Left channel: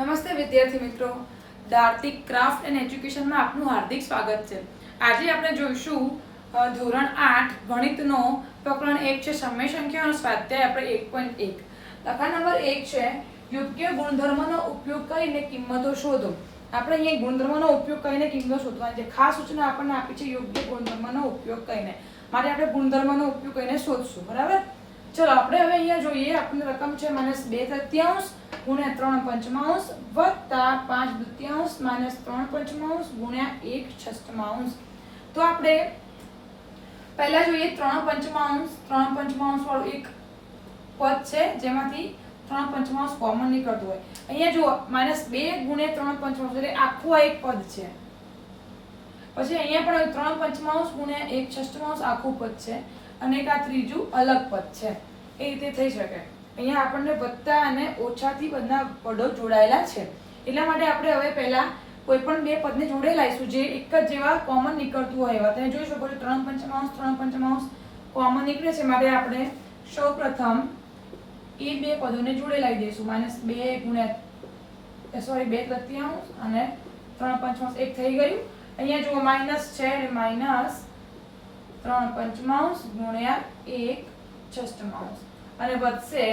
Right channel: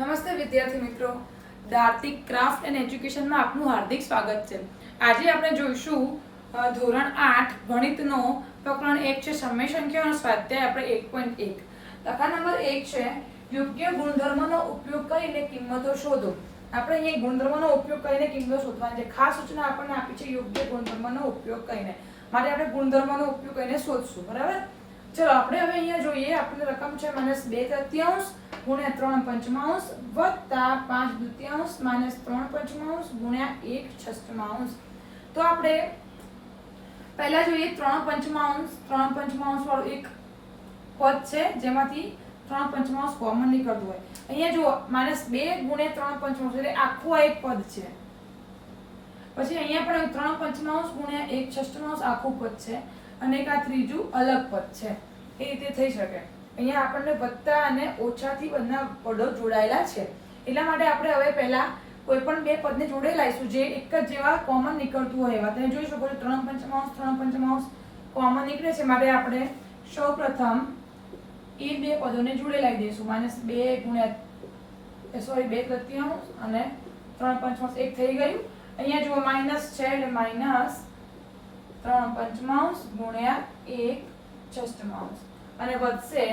નમસ્તે વિદ્યાર્થી મિત્રો, દાર્તિક ક્રાફ્ટ એન્ડ એજ્યુકેશનમાં આપનું હાર્દિક સ્વાગત છે. આજે આપણે જોઈશું ધોરણ 8 ગણિતનો પ્રકરણ 1 છે સમય સંખ્યાઓનો સ્વાધ્યાય આપણે 1.1. લખાણ નંબર 1 છે યોગ્ય ગુણધર્મનો ઉપયોગ કરીને કિંમતો શોધો. આપણે અહીંયા ગુણધર્મનો ઉપયોગ કરીને કિંમતો શોધવાની છે. ખાસ સૂચના આપણને આપી છે યોગ્ય ગુણધર્મનો ઉપયોગ કરીને. માટે આપણે ગુણધર્મનો ઉપયોગ કરીને શોધશું. બરાબર? ચલો આપણે હવે અહીંયા જોઈએ. આપણને રકમ છે -2/3 ગુણ્યા 3/5 વત્તા 5/2 -3/5 ગુણ્યા 1/6. તો આપણે પહેલા જોઈએ 3/5 વાળું એક પદ છે જેમાંથી 3/5 કોમન નીકળતું હોય. અહીંયા જુઓ -2 ગુણ્યા 3/5 એટલે આખું આ એક પદ છે. પછી અહીંયા પણ 3/5 ગુણ્યા 1/6 આખું પદ છે અને એક આ ત્રીજું અલગ પદ છે. એ રીતે થઈ શકે. અહીંયા આપણને વત્તા અને ઓછાથી બધા પદો જોડાયેલા છે. એટલા માટે આપણે હવે પહેલા કોઈ પણ બે પદને જોડે લાવીશું જે એક જ જેવા કોમન નીકળતું હોય એવા. તમે જોઈ શકો છો 3/5 કોમન નીકળે છે. માટે આપણે સૌપ્રથમ એ બે પદોને જોડે લાવી દઈશું. -2 ગુણ્યા 2/3 અને 3/5 એક થઈ ગયું. અહીંયા જુઓ માઇનસ છે એટલે -3/5 ગુણ્યા 1/6 અને વધશે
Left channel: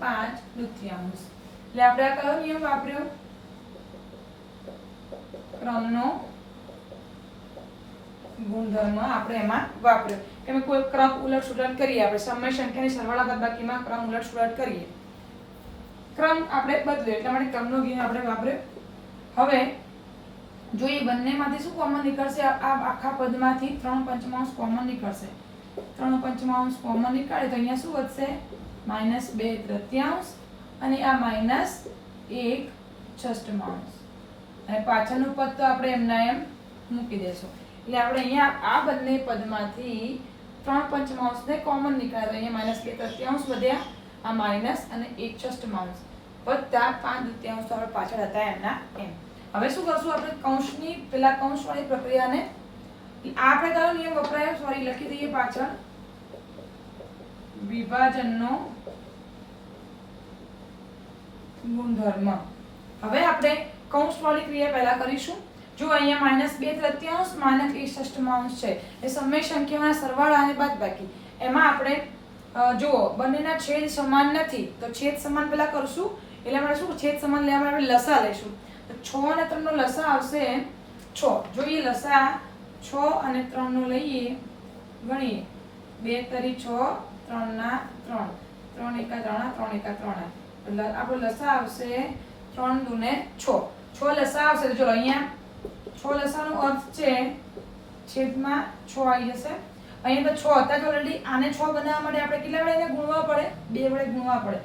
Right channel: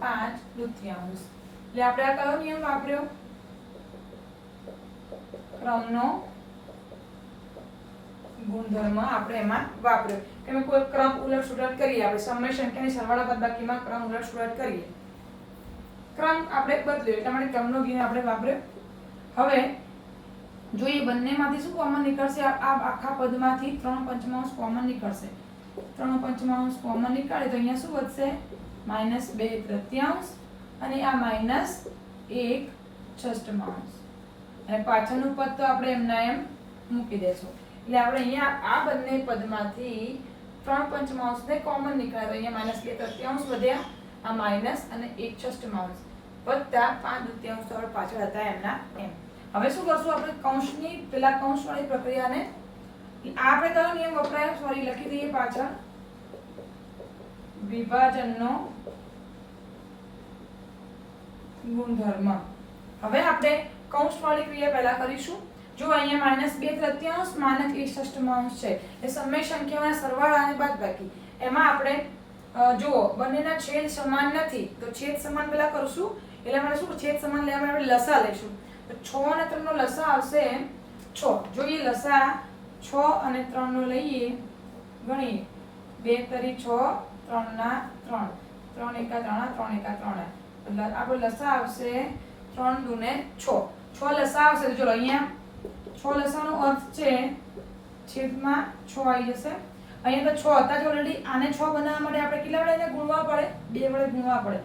5/2. એટલે આપણે આ કયો નિયમ વાપર્યો? ક્રમનો ગુણધર્મ આપણે એમાં વાપર્યો કે અમે કોઈ ક્રમ ઉલટ-સુલટ કરીએ. આપણે સમય સંખ્યાની સરવાળા બાદબાકીમાં ક્રમ ઉલટ-સુલટ કરીએ. ક્રમ આપણે બદલ્યો એટલા માટે ક્રમનો નિયમ આપણે વાપર્યો. હવે જોઈએ બંનેમાંથી શું કોમન નીકળશે? આ આખા પદમાંથી 3/5 કોમન નીકળશે. 3/5 કોમન નીકાળે તો અહીંયા શું વધશે? -2/3 અને આ -1/6 અને પાછળનું પદ તો આપણે એમના એમ મૂકી દેશું. એટલે આપણે અહીંયા આ બંને પદમાંથી 3/5 ને કોમન નીકાળે. અહીંયા -2/3 વધ્યા, આ માઇનસ અને 1/6 વત્તા 5/2 તો પાછળ હતા એમના એમ. હવે શું કરશું આપણે? કૌંસની પેલા કૌંસવાળી પ્રક્રિયાને આપણે કયો નિયમ વપરાયો? સોરી, લખી દઈએ પાછળ. વિભાજનનો ગુણધર્મ. હવે આપણે કૌંસવાળી ક્રિયા પહેલા કરીશું. જો અહીંયા -2/3 -1/6 છે એ સમય સંખ્યાઓના સરવાળા અને બાદબાકી. એમાં આપણે જુઓ બંનેના છેદ સમાન નથી તો છેદ સમાન પહેલા કરશું. એટલે આપણે શું છેદ સમાન લેવા માટે આપણે લસા લઈશું. તો 6 અને 3 નો લસા આવશે 6. જોઈએ લસા 6 અને 3 નો લઈએ, ગણીએ. 2 તરી 6, 3 ના 3, 3 એકા 3, 3 એકા 3. એટલે આપણો લસા આવશે 3 દુને 6. 6 લસા આવશે. તો ચલો અહીંયા 6 લસાનો અર્થ છે છેદમાં 6 આવી જશે. અહીંયા તો 6 હતા જ ઓલરેડી. આને 6 બનાવવા માટે આપણે કેટલા વડે એને ગુણવા પડે? 2 વડે ગુણવા પડે.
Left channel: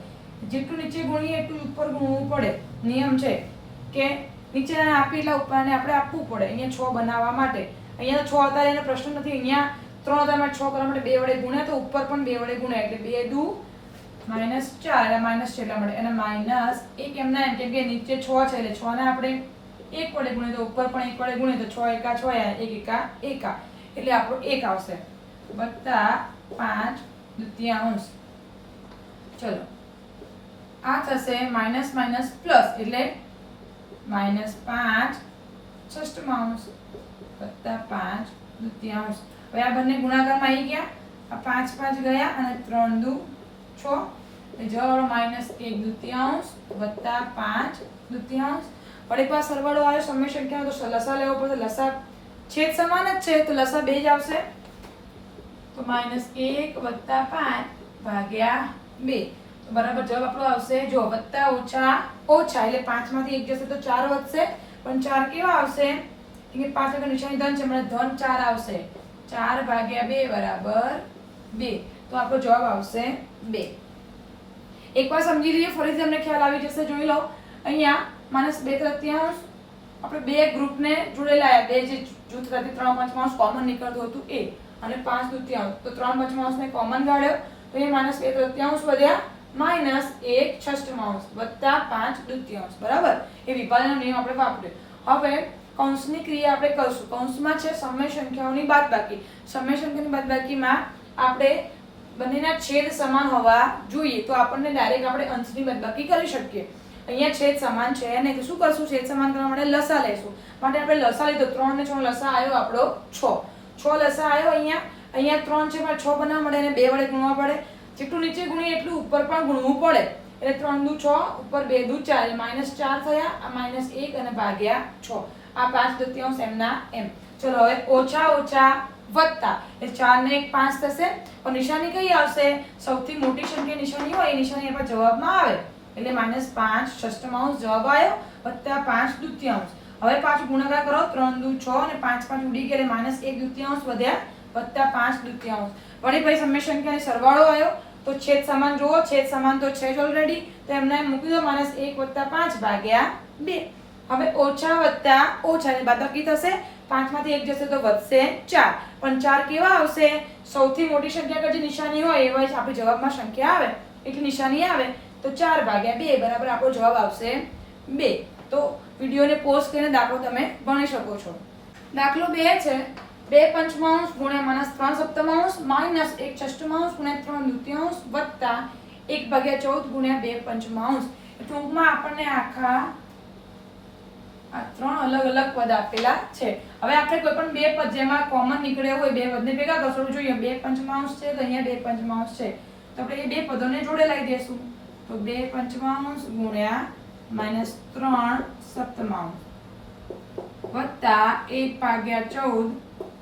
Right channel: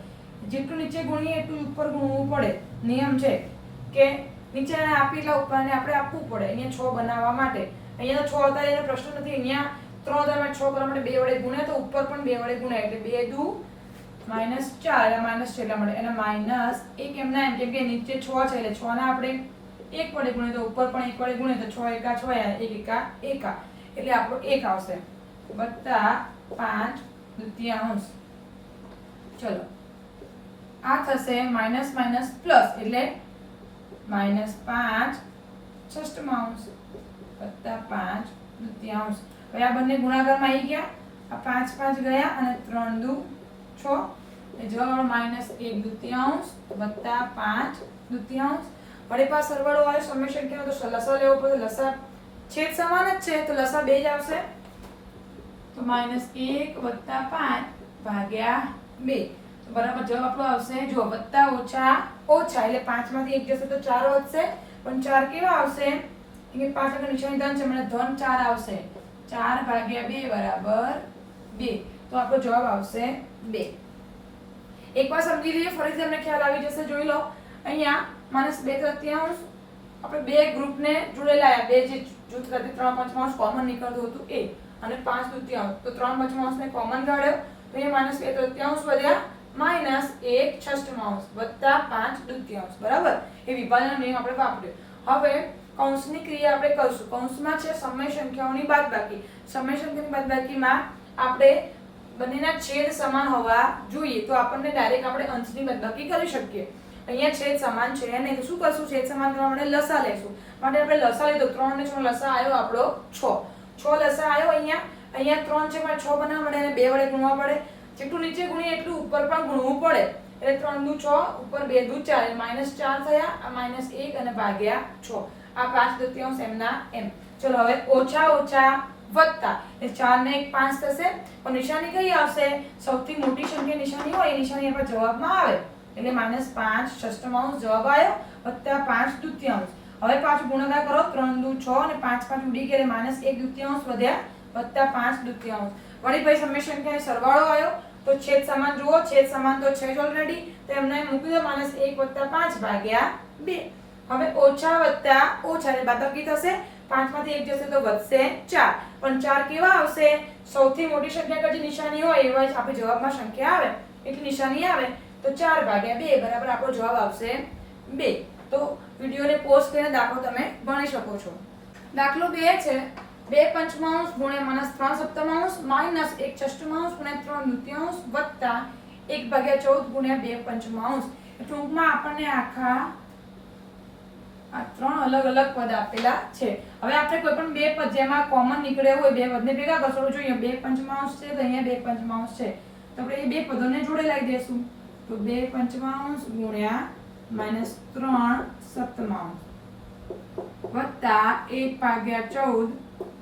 જેટલું નીચે ગુણીએ એટલું ઉપર ગુણવું પડે. નિયમ છે કે નીચે આપી એટલા ઉપરને આપણે આપવું પડે અહીંયા 6 બનાવવા માટે. અહીંયા તો 6 હતા એનો પ્રશ્ન નથી. અહીંયા 3 હતા માટે 6 કરવા માટે 2 વડે ગુણ્યા તો ઉપર પણ 2 વડે ગુણ્યા એટલે 2 દુ -4 એટલે માઇનસ છે એટલા માટે. અને માઇનસ 1 એમના એમ કેમ કે નીચે 6 છે એટલે 6 ને આપણે 1 વડે ગુણીએ તો ઉપર પણ 1 વડે ગુણીએ તો 6 એકા 6 1 એકા 1 એટલે આપણો 1 આવશે વત્તા 5/2. ચલો આ થશે માઇનસ માઇનસ પ્લસ એટલે -5/6 વત્તા 5/2. હવે આ બંને ગુણાકારમાં આવી ગયા. આ 5 5 ગયા અને 3 દુ 6 એટલે જવાબ -1/2 વત્તા 5/2. વળી પાસ સરવાળો આવે સમય સંખ્યાનો તો લસા લેવો પડે. લસા છેદ સમાન જ છે તો લસા 2 જ આવશે. તો -1 વત્તા 5 ભાગ્યા 2 તો બરાબર જવાબ આપણો આવશે. જો વત્તા ઓછા ઓછા એટલે 5 માંથી 1 જશે તો 4 વધશે. પણ 4 કેવા આવશે? કે 5 આગળ નિશાની ધન છે મને ધન 4 આવશે. 4 ભાગ્યા 2 બરાબર 2. તો આપણો જવાબ આવશે 2. એકવાર સમજી લઈએ ફરીથી તમને ખ્યાલ આવી જશે. જોઈ લો અહીંયા -2/3 આપણે બે ગ્રુપને જોડેલા બે જે જૂથ સાથે 3/5 કોમન નીકળતું હતું એ અને 5/2 તો 3/5 ને કોમન કાઢ્યો તો એ -2/3 વધ્યા -1/6 વત્તા 5/2. બરાબર? એ વિભાજનનો નિયમ આપણે વાપર્યો. હવે કૌંસની ક્રિયા આપણે કરશું. કૌંસમાં છે સમય સંખ્યાઓની બાદબાકી. સમય સંખ્યાની બાદબાકીમાં આપણે બંનેના છેદ સમાન હોવા જોઈએ તો આપણને ડાયરેક્ટ આપણે અંશની બાદબાકી કરી શકીએ. અહીંયા છેદ સમાન છે નહીં તો શું કરશું? છેદ સમાન કરવા માટે લસા લેશું. માટે આપણે લસા લીધો 3 ને 6 લસા આવ્યો આપણો 6 લસા આવ્યો. અહીંયા 3 છે પણ 6 બનાવવા માટે એને 2 વડે ગુણવા પડે. જેટલું નીચે ગુણીએ એટલું ઉપર પણ ગુણવું પડે. એટલે 3 દુ 6 ઉપર 2 દુ 4 એટલે -4 થયા. આ -1 અને ભાગ્યા 6. આ 5/2 એમના એમ. ચલો હવે ઓછા ઓછા વત્તા એટલે 4 ને 1 5 થશે. પણ નિશાની કઈ આવશે? સૌથી મોટી સંખ્યા નિશાની હોય એ નિશાની આપણા જવાબમાં આવે. એટલે -5 ષષ્ઠમાંશ જવાબ આવ્યો વત્તા 5/2. હવે પાછું ગુણાકાર કરો. 3 દુ 6 અને 5 5 ઉડી ગયા એટલે -1/2 વધ્યા વત્તા 5/2. વળી ભાઈ સમય સંખ્યાનો સરવાળો આવ્યો તો છેદ સમાન જુઓ. છેદ સમાન તો છે જ ઓલરેડી, તો એમને મૂકી દો. -1 + 5 ભાગ્યા 2. હવે ઓછા વત્તા ઓછા એટલે બાદબાકી થશે. 5 માંથી 1 જશે તો વધશે 4. પણ 4 કેવા આવશે? સૌથી મોટી સંખ્યા કરતી નિશાની હોય એવા જ આપણી જવાબમાં સંખ્યા આવે એટલી નિશાની આવે તો 4 ભાગ્યા 2 બરાબર આપણો જવાબ આવશે 2. તો વિડીયોને પોઝ કરીને દાખલો તમે ગણી શકો છો. દાખલો 2 છે 2 પંચમાંશ ગુણ્યા -3 સપ્તમાંશ માઇનસ 1 ષષ્ઠમાંશ ગુણ્યા 3 દૂતીયાંશ વત્તા 1/14 ગુણ્યા 2 પંચમાંશ. ટૂંકમાં આપણને આખા આ 3 અલગ અલગ પદ આપેલા છે. હવે આપણે કોઈ પણ બે પદ જેમાં કોમન નીકળ્યો હોય બે પદને ભેગા કરશો જોઈએ. 2 પંચમાંશ છે તો અહીંયા 2 પંચમાંશ છે તો આપણે એ બે પદોને જોડે લાવી દઈશું. તો 2 પંચમાંશ ગુણ્યા -3 સપ્તમાંશ વત્તા 1/14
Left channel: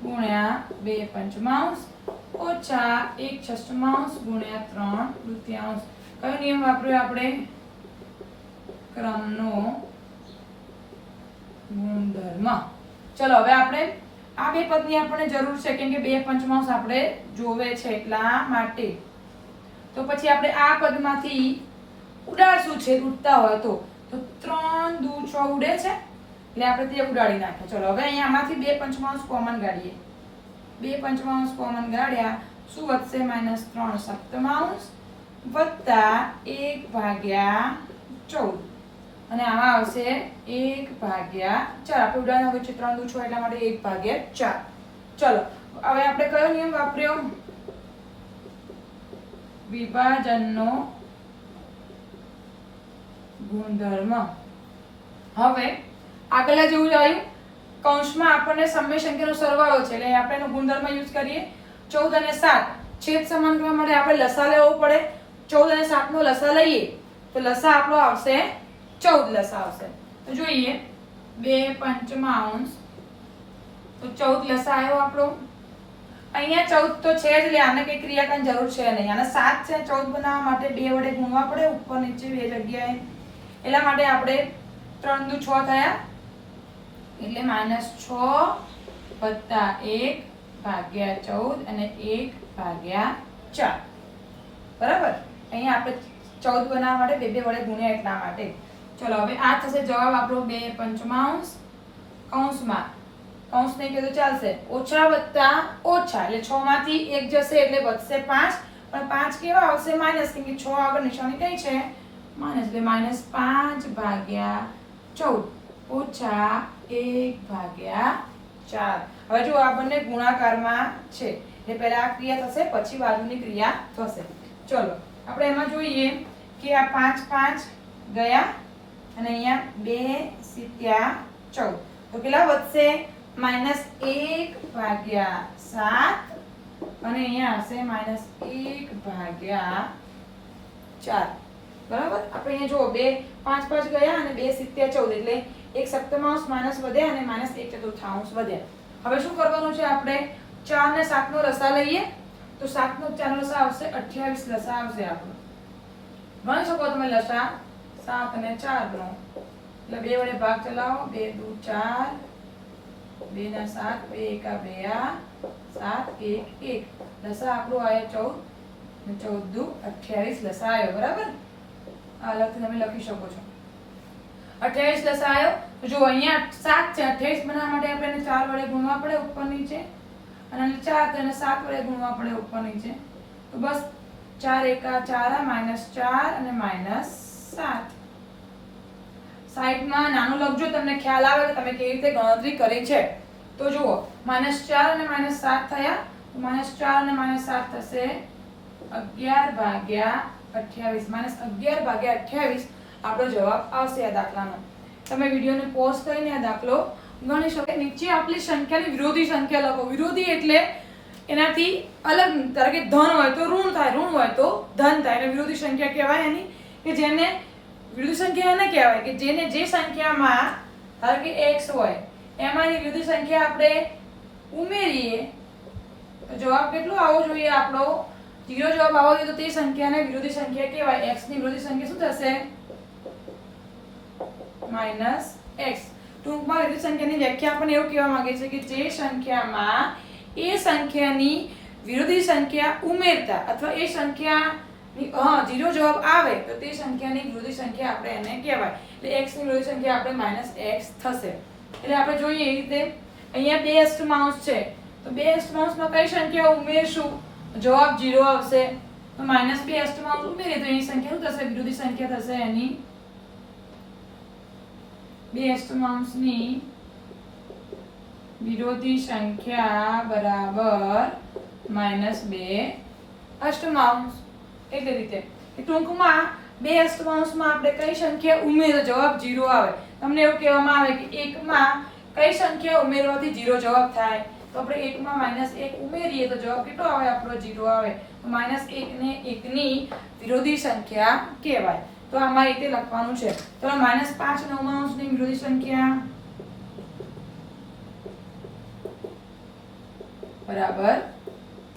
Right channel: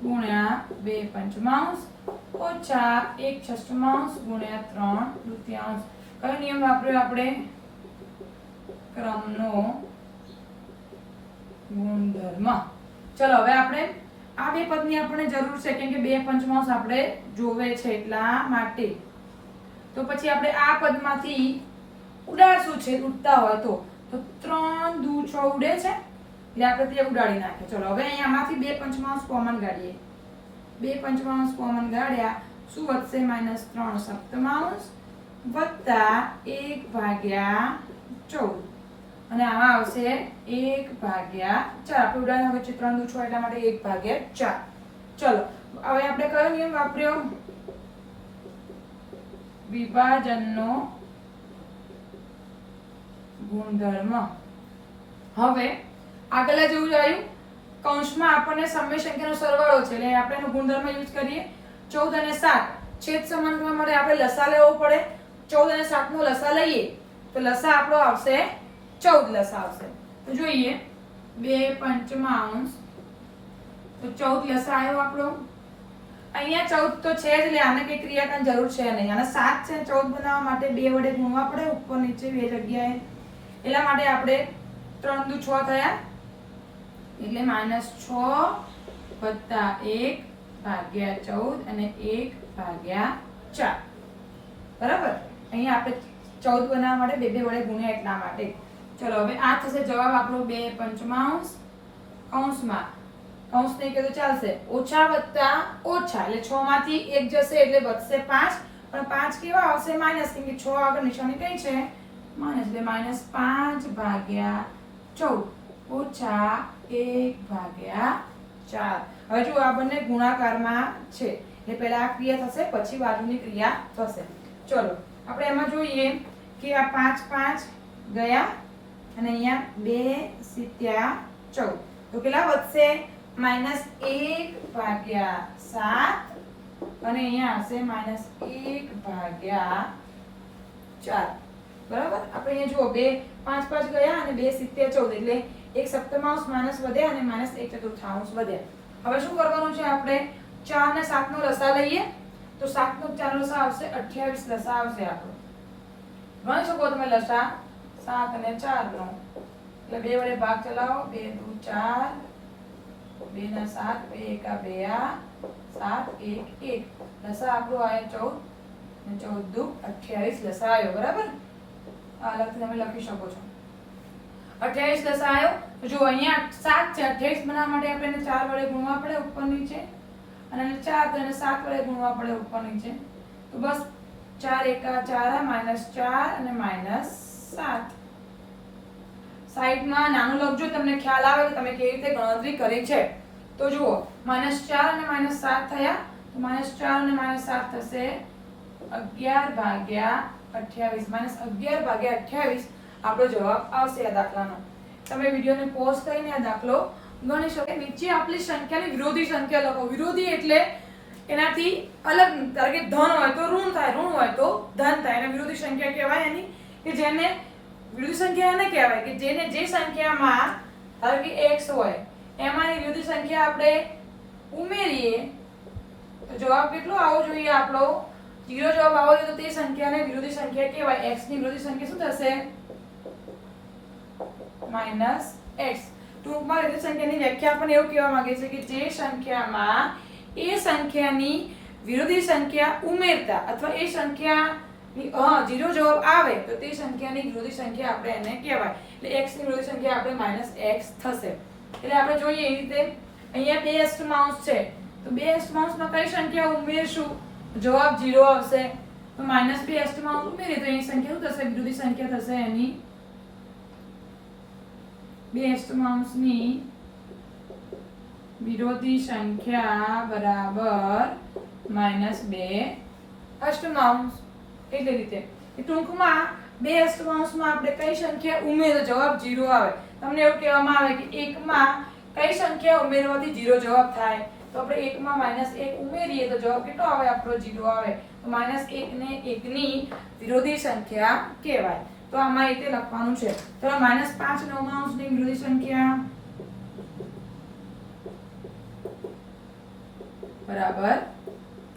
ગુણ્યા 2 પંચમાંશ ઓછા 1 ષષ્ઠમાંશ ગુણ્યા 3 દૂતીયાંશ. કયો નિયમ વાપર્યો આપણે? ક્રમનો ગુણધર્મ. ચલો હવે આપણે આ બે પદની આપણને જરૂર છે કેમ કે 2 પંચમાંશ આપણે જોવે છે એટલા માટે. તો પછી આપણે આ પદમાંથી ઉડાડશું છે ઉડતા હોય તો 3 દુ 6 ઉડે છે એટલે આપણે તે ઉડાડી નાખ્યો. ચલો હવે અહીંયા આમાંથી 2 પંચમાંશ કોમન કાઢીએ. 2 પંચમાંશ કોમન કાઢ્યા શું વધશે? -3 સપ્તમાંશ વત્તા 1/14 અને આમાં આવશે 1/4. આપણે ઉડાડવાનું હોય છે 3 દુ 6 એટલા માટે 1/4. ચલો હવે આપણે કયો નિયમ વાપર્યો? વિભાજનનો ગુણધર્મ. હવે આગળ જેવું જ આવ્યું. કૌંસમાં આપણને સમય સંખ્યાનો સરવાળો છે એટલે આપણે એનો ગુણધર્મ યુઝ કરીએ. 14 અને 7 છેદ સમાન કરવા માટે આપણે લસા લેવો પડે. 14 અને 7 નો લસા લઈએ તો લસા આપણો આવશે 14 લસા આવશે. તો જોઈએ 2 પંચમાંશ તો 14 લસા આવ્યો આપણો. અહીંયા 14 તો છે જ એટલે આને કઈ ક્રિયા કરવાની જરૂર છે નહીં. આને 7 છે 14 બનાવવા માટે 2 વડે ગુણવા પડે ઉપર નીચે બે જગ્યાએ. એટલા માટે આપણે 3 દુ 6 થયા એટલે -6 વત્તા 1/14 અને 1/4 બરાબર. અહીંયા આપણે 14 બનાવવા માટે 2 વડે ગુણ્યા એટલા માટે. ચલો હવે આ થશે જવાબ આપણો 2 પંચમાંશ કૌંસમાં કૌંસ નહીં કે તો ચાલશે ઓછા વત્તા ઓછા એટલે 6 માંથી 1 જશે એટલે વધશે 5. પણ 5 કેવા આવશે? માઇનસ કેમ કે 6 આગળ નિશાની કઈ છે? માઇનસ એટલે -5/14 ઓછા 1/4. હવે જો આ બંને ગુણાકારમાં છે એટલે પહેલા આ ક્રિયા થશે પછી બાજુની ક્રિયા થશે. ચલો આપણે એમાં જોઈએ કે આ 5 5 ગયા અને અહીંયા 2 × 14 તો કેટલા વધશે? -1/7 અને અહીંયા હશે -1/4. બરાબર. આપણે અહીંયા જુઓ 2 5 5 ગયા અને 2 × 14 એટલે 1 સપ્તમાંશ માઇનસ વધ્યા અને -1 ચતુર્થાંશ વધ્યા. હવે શું કરવાનું છે? આપણે 4 ને 7 નો લસા લઈએ તો 7 નો 4 નો લસા આવશે 28 લસા આવશે આપણો. ગણી શકો તમે લસા 7 અને 4 નો એટલે 2 વડે ભાગ ચલાવો 2 દુ 4 2 ના 7 2 એકા 2 7 1 1 લસા આપણો આવ્યો 14 અને 14 દુ 28 લસા આવ્યો. બરાબર. આ અલગથી તમે લખી શકો છો. 28 લસા આવ્યો. તો જો અહીંયા 7 છે 28 બનાવવા માટે આપણે 4 વડે ગુણવા પડે ઉપર નીચે અને 4 તો એને 7 વડે ગુણવા પડે ઉપર નીચે. તો બસ 4 એકા 4 -4 અને -7. સાઈડમાં નાનું લખજો તમને ખ્યાલ આવે કે તમે કેવી રીતે ગણતરી કરી છે. તો જુઓ -4 અને -7 થયા તો -4 અને -7 થશે 11/28 -11/28. આપણો જવાબ આવશે આ દાખલાનો. તમે વિડીયોને પોઝ કરીને આ દાખલો ગણી શકો. નીચે આપેલી સંખ્યાની વિરોધી સંખ્યા લખો. વિરોધી એટલે એનાથી અલગ. ધારો કે ધન હોય તો ઋણ થાય, ઋણ હોય તો ધન થાય. એને વિરોધી સંખ્યા કહેવાય. એની કે જેને વિરોધી સંખ્યા એને કહેવાય કે જેને જે સંખ્યામાં ધારો કે x હોય એમાંની વિરોધી સંખ્યા આપણે ઉમેરીએ તો જવાબ કેટલો આવવો જોઈએ આપણો? 0 જવાબ આવવો જોઈએ. તો તે સંખ્યાને વિરોધી સંખ્યા કહેવાય. x ની વિરોધી સંખ્યા શું થશે? -x. ટૂંકમાં વિરોધી સંખ્યાની વ્યાખ્યા આપણને એવું કહેવા માંગે છે કે જે સંખ્યામાં એ સંખ્યાની વિરોધી સંખ્યા ઉમેરતા અથવા એ સંખ્યાની 0 જવાબ આવે તો તે સંખ્યાની વિરોધી સંખ્યા આપણે એને કહેવાય. એટલે x ની વિરોધી સંખ્યા આપણે -x થશે. એટલે આપણે જોઈએ એ રીતે અહીંયા 2 અષ્ટમાંશ છે તો 2 અષ્ટમાંશમાં કઈ સંખ્યા ઉમેરશું? જવાબ 0 આવશે. તો -2 અષ્ટમાંશ ઉમેરીએ તો એની સંખ્યા શું થશે? વિરોધી સંખ્યા થશે એની 2 અષ્ટમાંશની વિરોધી સંખ્યા બરાબર -2 અષ્ટમાંશ. એટલે રીતે ટૂંકમાં 2 અષ્ટમાંશમાં આપણે કઈ સંખ્યા ઉમેરીએ તો જવાબ 0 આવે. તમને એવું કહેવામાં આવે કે 1 માં કઈ સંખ્યા ઉમેરવાથી 0 જવાબ થાય? તો આપણે 1 માં -1 ઉમેરીએ તો જવાબ કેટલો આવે? આપણો 0 આવે. તો -1 ને 1 ની વિરોધી સંખ્યા કહેવાય. તો આમાં રીતે લખવાનું છે. તો -5 નવમાંશની વિરોધી સંખ્યા બરાબર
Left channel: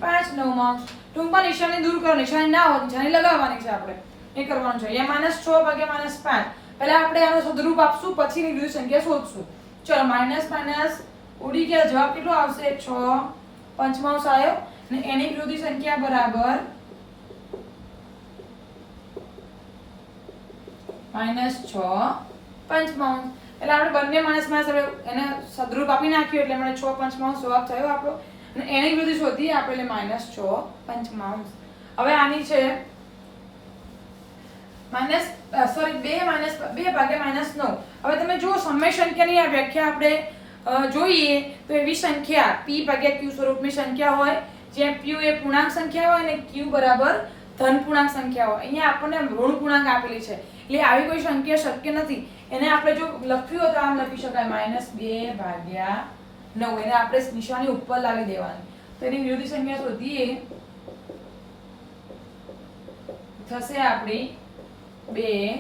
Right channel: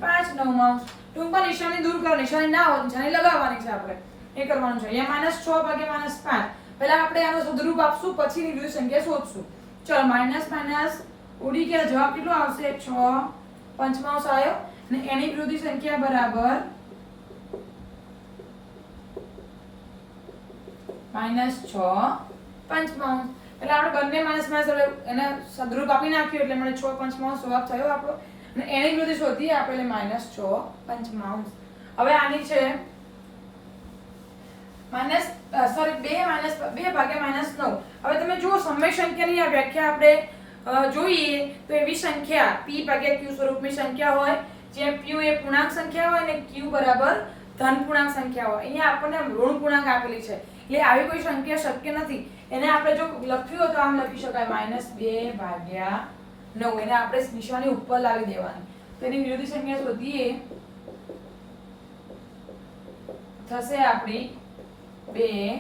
5 નવમાંશ. ટૂંકમાં નિશાની દૂર કરો. નિશાની ના હોય નિશાની લગાવવાની છે આપણે. એ કરવાનું છે. અહીંયા -6 ભાગ્યા -5. પહેલા આપણે આનો સદરૂપ આપશું પછીની વિરોધી સંખ્યા શોધશું. ચલો માઇનસ ઉડી ગયા. જવાબ કેટલો આવશે? 6 પંચમાંશ આવ્યો અને એની વિરોધી સંખ્યા બરાબર -6 પંચમાંશ. એટલે આપણે બંને માઇનસ એને સદરૂપ આપી નાખ્યું એટલે મને 6 પંચમાંશ જવાબ થયો આપણો. અને એની વિરોધી શોધીએ આપણે એટલે -6 પંચમાંશ. હવે આની છે -2 ભાગ્યા -9. હવે તમે જુઓ સમય સંખ્યાની આ વ્યાખ્યા આપણે જોઈએ તો એવી સંખ્યા p ભાગ્યા q સ્વરૂપની સંખ્યા હોય જ્યાં p એ પૂર્ણાંક સંખ્યા હોય અને q બરાબર ધન પૂર્ણાંક સંખ્યા હોય. અહીંયા આપણને ઋણ પૂર્ણાંક આપેલી છે એટલે આવી કોઈ સંખ્યા શક્ય નથી. એને આપણે જો લખ્યું હોય તો આમ લખી શકાય -2 ભાગ્યા 9. એને આપણે નિશાની ઉપર લાવી દેવાની. તો એની વિરોધી સંખ્યા શોધીએ થશે આપણી 2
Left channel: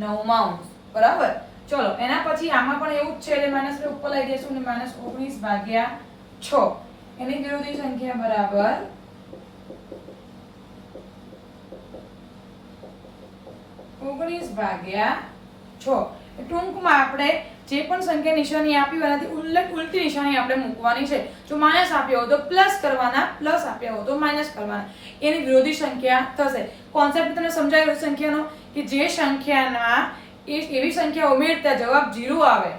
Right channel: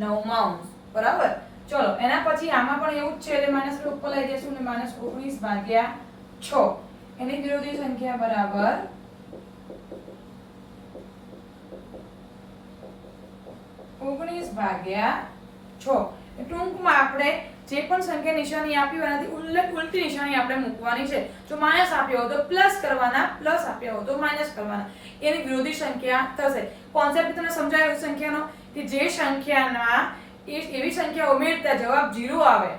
નવમાંશ. બરાબર. ચલો એના પછી આમાં પણ એવું જ છે એટલે -2 ઉપર લઈ જઈશું અને -19 ભાગ્યા 6. એની વિરોધી સંખ્યા બરાબર -19 ભાગ્યા 6. ટૂંકમાં આપણે જે પણ સંખ્યા નિશાની આપી હોય એનાથી ઉલટી નિશાની આપણે મૂકવાની છે. જો માઇનસ આપ્યો હોય તો પ્લસ કરવાના, પ્લસ આપ્યા હોય તો માઇનસ કરવાના. એની વિરોધી સંખ્યા થશે. કોન્સેપ્ટ તમને સમજાયો સંખ્યાનો કે જે સંખ્યાના એવી સંખ્યા ઉમેરતા જવાબ 0 આવે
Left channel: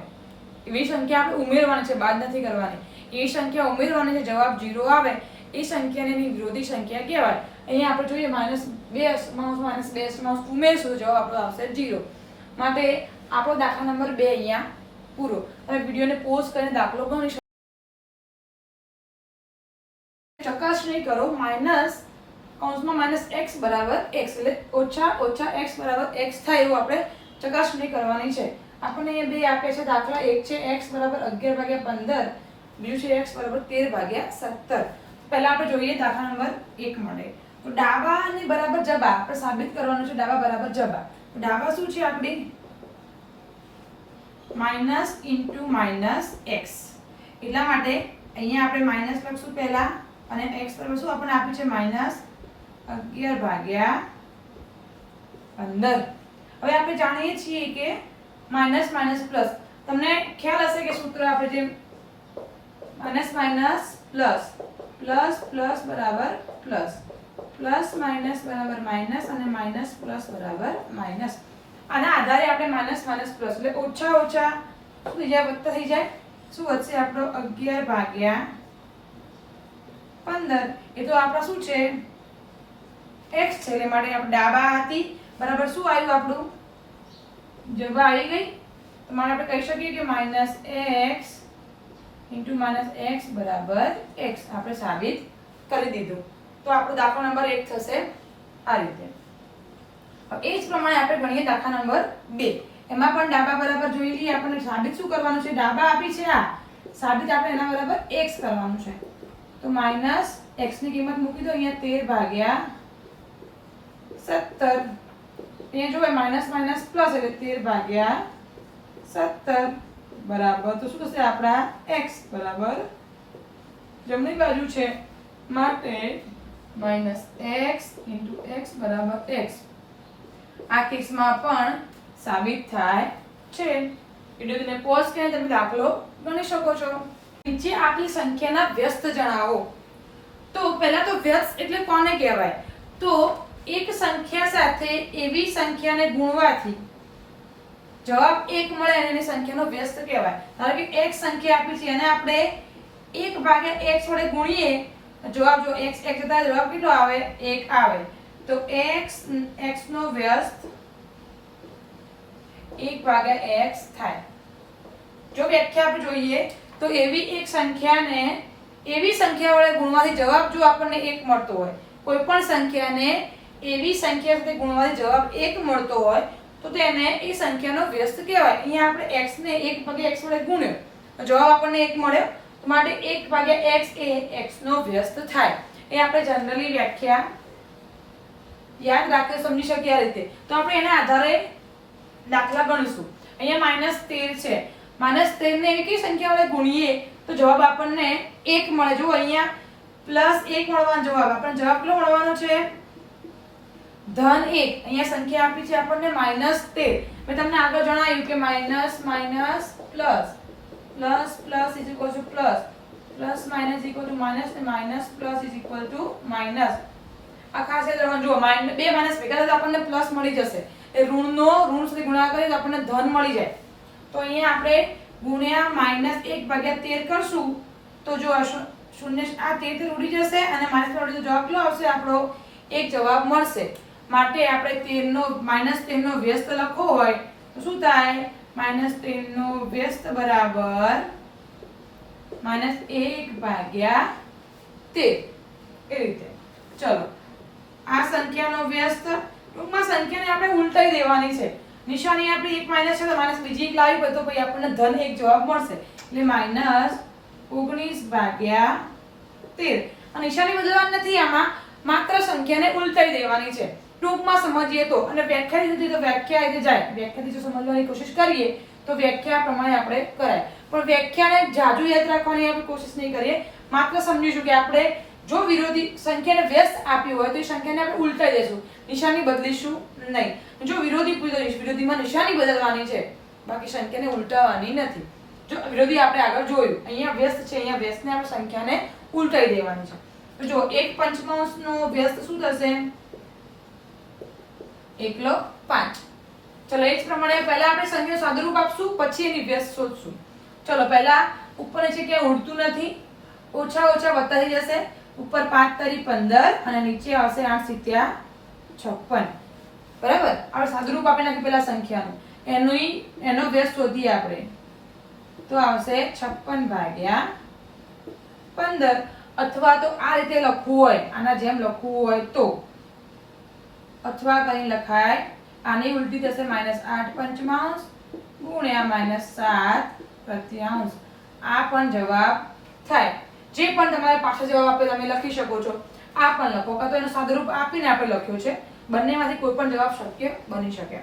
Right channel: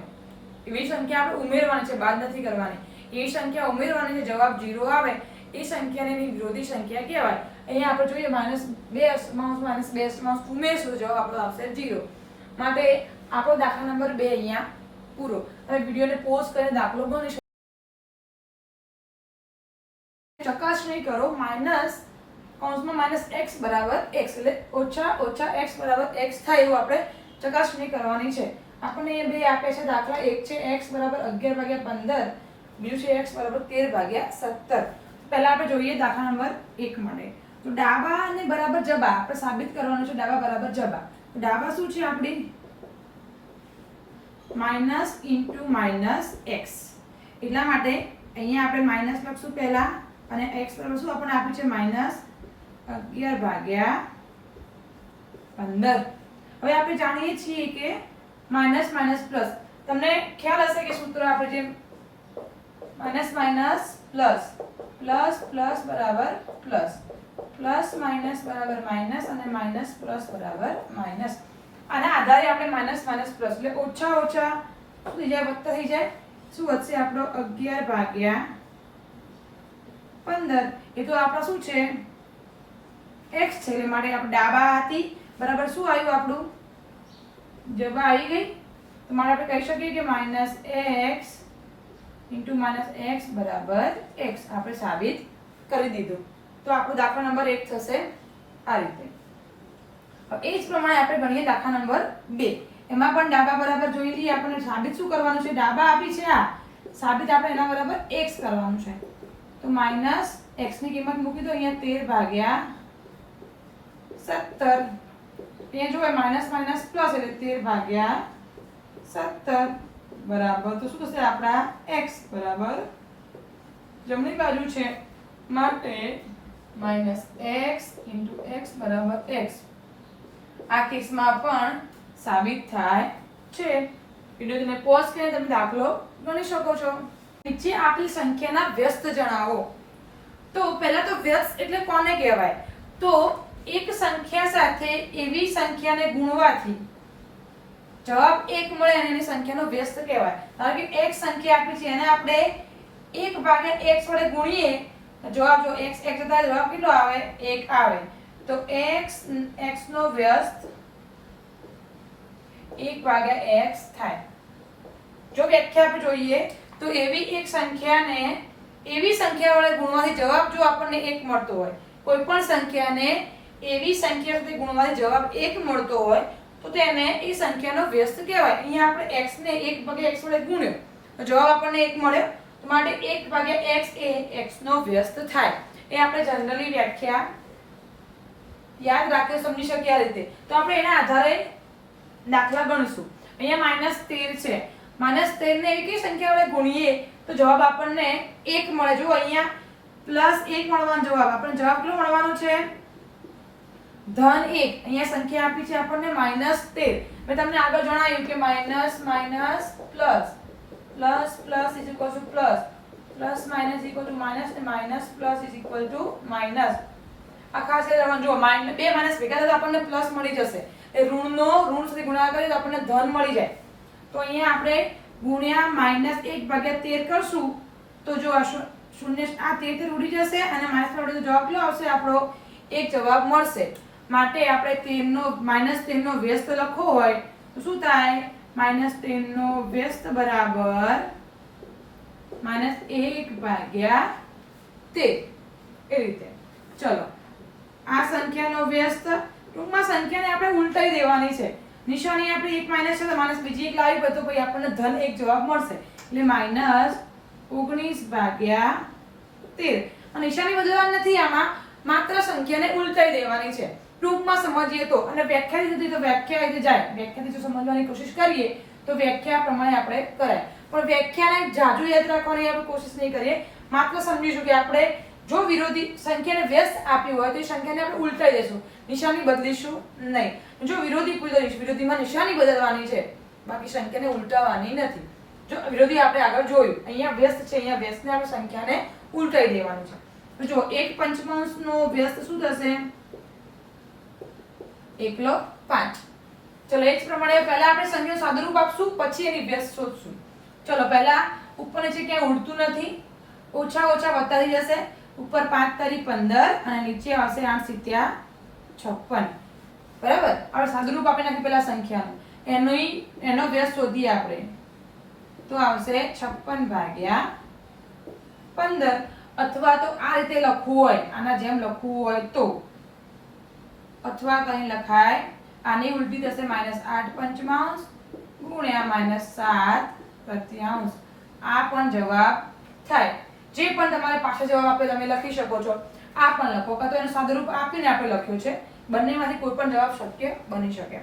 એવી સંખ્યા આપણે ઉમેરવાની છે, બાદ નથી કરવાની. એવી સંખ્યા ઉમેરવાની છે જવાબ 0 આવે એ સંખ્યાને વિરોધી સંખ્યા કહેવાય. અહીંયા આપણે જોઈએ -2 ઉમેરશું તો જવાબ આપણો આવશે 0. માટે આપણો દાખલા નંબર 2 અહીંયા પૂરો. હવે વિડીયોને પોઝ કરીને દાખલો ગણી શકો. ચકાસણી કરો -x બરાબર x એટલે ઓછા x બરાબર x થાય એવું આપણે ચકાસણી કરવાની છે. આપણને અહીંયા બે આપે છે દાખલા. એક છે x બરાબર 11/15, બીજું છે x બરાબર 13/17. પહેલા આપણે જોઈએ દાખલા નંબર 1 માટે. તો ડાબા અને બરાબર જબા આપણે સાબિત કરવાનું છે. ડાબા બરાબર જબા. તો ડાબા શું છે આપણી માઇનસ ઇન્ટુ -x. એટલા માટે અહીંયા આપણે માઇનસ લખશું પહેલા અને x બરાબર શું આપણને આપ્યું છે -11/15. હવે આપણે જાણીએ છીએ કે માઇનસ માઇનસ પ્લસ. તમને ખ્યાલ હશે કે સૂત્ર આપણે જે minus minus plus plus plus બરાબર પ્લસ પ્લસ માઇનસ બરાબર માઇનસ અને માઇનસ પ્લસ બરાબર માઇનસ. આના આધારે આપણે માઇનસ માઇનસ પ્લસ એટલે ઓછા ઓછા શું થઈ જાય? વત્તા થઈ જાય. શું વધશે આપણો 11/15. એ તો આપણા શું છે x છે એટલે માટે આપણે ડાબા હતી બરાબર શું આવ્યું આપણું જબા આવી ગઈ. તો માટે આપણે કહી શકીએ કે -x ઇન્ટુ -x બરાબર x આપણે સાબિત કરી દીધું. તો આપણો દાખલો નંબર 1 થશે આ રીતે. એ જ પ્રમાણે આપણે ગણીએ દાખલા નંબર 2. એમાં પણ ડાબા બરાબર જોઈ લઈએ. આપણને સાબિત શું કરવાનું છે? ડાબા આપી છે આ સાબિત આપણે એના બરાબર x કરવાનું છે. તો માઈનસ x ની કિંમત મૂકી દો અહીંયા 13 ભાગ્યા 17. અહીંયા જો માઈનસ માઈનસ પ્લસ એટલે 13 ભાગ્યા 17 બરાબર તો શું થશે આપણા x બરાબર જમણી બાજુ છે માટે માઈનસ x into x બરાબર x. આ કેસમાં પણ સાબિત થાય છે. વિડિયોને પોઝ કરીને તમે દાખલો ગણી શકો છો. નીચે આપેલી સંખ્યાના વ્યસ્ત જણાવો. તો પહેલા તો વ્યસ્ત એટલે કોને કહેવાય? તો એક સંખ્યા સાથે એવી સંખ્યાને ગુણવાથી જવાબ 1 મળે અને એની સંખ્યાનો વ્યસ્ત કહેવાય. ધારો કે એક સંખ્યા આપી છે એને આપણે 1 ભાગ્યા x વડે ગુણીએ જવાબ જો x જતા જવાબ કેટલો આવે? 1 આવે. તો x નો વ્યસ્ત 1 ભાગ્યા x થાય. જો વ્યાખ્યા આપણે જોઈએ તો એવી એક સંખ્યાને એવી સંખ્યા વડે ગુણવાથી જવાબ જો આપણને 1 મળતો હોય, કોઈ પણ સંખ્યાને એવી સંખ્યા સાથે ગુણવાથી જવાબ 1 મળતો હોય તો તેને એ સંખ્યાનો વ્યસ્ત કહેવાય. અહીંયા આપણે x ને 1 ભાગ્યા x વડે ગુણ્યો તો જવાબ આપણને 1 મળ્યો. તો માટે 1 ભાગ્યા x એ x નો વ્યસ્ત થાય. એ આપણે જનરલી વ્યાખ્યા યાદ રાખી સમજી શકીએ આ રીતે. તો આપણે એના આધારે દાખલા ગણીશું. અહીંયા -13 છે. -13 ને એવી કઈ સંખ્યા વડે ગુણીએ તો જવાબ આપણને 1 મળે. જો અહીંયા +1 મળવાનો જવાબ આપણને જવાબ કેટલો મળવાનો છે? ધન 1. અહીંયા સંખ્યા આપી છે આપણને -13. મેં તમને આગળ જણાવ્યું કે minus minus plus plus plus is equal to plus plus minus equal to minus અને minus plus is equal to minus. આ ખાસ યાદ રાખવાનું. જો બે માઈનસ ભેગા થાય તો આપણને પ્લસ મળી જશે. એ ઋણનો ઋણ સાથે ગુણાકાર કરીએ તો આપણને ધન મળી જાય. તો અહીંયા આપણે ગુણ્યા -1 ભાગ્યા 13 કરશું તો જો શૂન્ય આ 13 ઉડી જશે અને માઈનસ પર ઉડી જવાબ કેટલો આવશે? આપણો 1 જવાબ મળશે. માટે આપણે 13 નો -13 નો વ્યસ્ત લખવો હોય તો શું થાય? -13 નો વ્યસ્ત બરાબર -1 ભાગ્યા 13. એ રીતે. ચલો આ સંખ્યાનો વ્યસ્ત ટૂંકમાં સંખ્યાને આપણે ઉલટાઈ દેવાની છે. નિશાની આપણી 1 માઈનસ છે તો માઈનસ બીજી એક લાવી હોય તો પછી આપણને ધન 1 જવાબ મળશે. એટલે -19 ભાગ્યા 13. આ નિશાની બદલવાની નથી. આમાં માત્ર સંખ્યાને ઉલટાઈ દેવાની છે. ટૂંકમાં સમજીએ તો અને વ્યાખ્યા દીધી તો વ્યાખ્યા રીતે જાય. વ્યાખ્યાથી જો સમજવાની કોશિશ કરીએ તો વ્યાખ્યા પ્રમાણે આપણે કરાય. પણ વ્યાખ્યાને જાજુ યાદ રાખવાની આપણે કોશિશ નહીં કરીએ. માત્ર સમજીશું કે આપણે જો વિરોધી સંખ્યાને વ્યસ્ત આપી હોય તો એ સંખ્યાને આપણે ઉલટાઈ દેશું. નિશાની બદલીશું નહીં. જો વિરોધી પૂછીશું વિરોધીમાં નિશાની બદલવાની છે, બાકી સંખ્યાને ઉલટાવવાની નથી. જો વિરોધી આપણે આગળ જોયું. અહીંયા વ્યસ્ત છે, અહીંયા વ્યસ્તને આપણે સંખ્યાને ઉલટાઈ દેવાની છે. તો જો 1/5 નો વ્યસ્ત શું થશે? 1/5. ચલો એ જ પ્રમાણે પહેલા આપણે સંખ્યાનું સાદુરૂપ આપશું પછી એની વ્યસ્ત શોધશું. ચલો પહેલા ઉપર નીચે ક્યાંય ઉડતું નથી. ઓછા ઓછા વધતા થઈ જશે. ઉપર 5 તારી 15 અને નીચે આવશે 8 સીત્યા 56. બરાબર. આપણે સાદુરૂપ આપી નાખી પહેલા સંખ્યાનું. એનો વ્યસ્ત શોધીએ આપણે. તો આવશે 56 ભાગ્યા 15. અથવા તો આ રીતે લખવું હોય, આના જેમ લખવું હોય તો અથવા કઈ લખાય. આની ઉલટી થશે -8/5 ગુણ્યા -7/3. આ પણ જવાબ થાય. જે પણ તમારે પાછળ જવાબ આપે તમે લખી શકો છો. આ પણ લખો કાં તો એનું સાદુરૂપ આપીને આપણે લખ્યું છે. બંનેમાંથી કોઈ પણ જવાબ શક્ય બની શકે.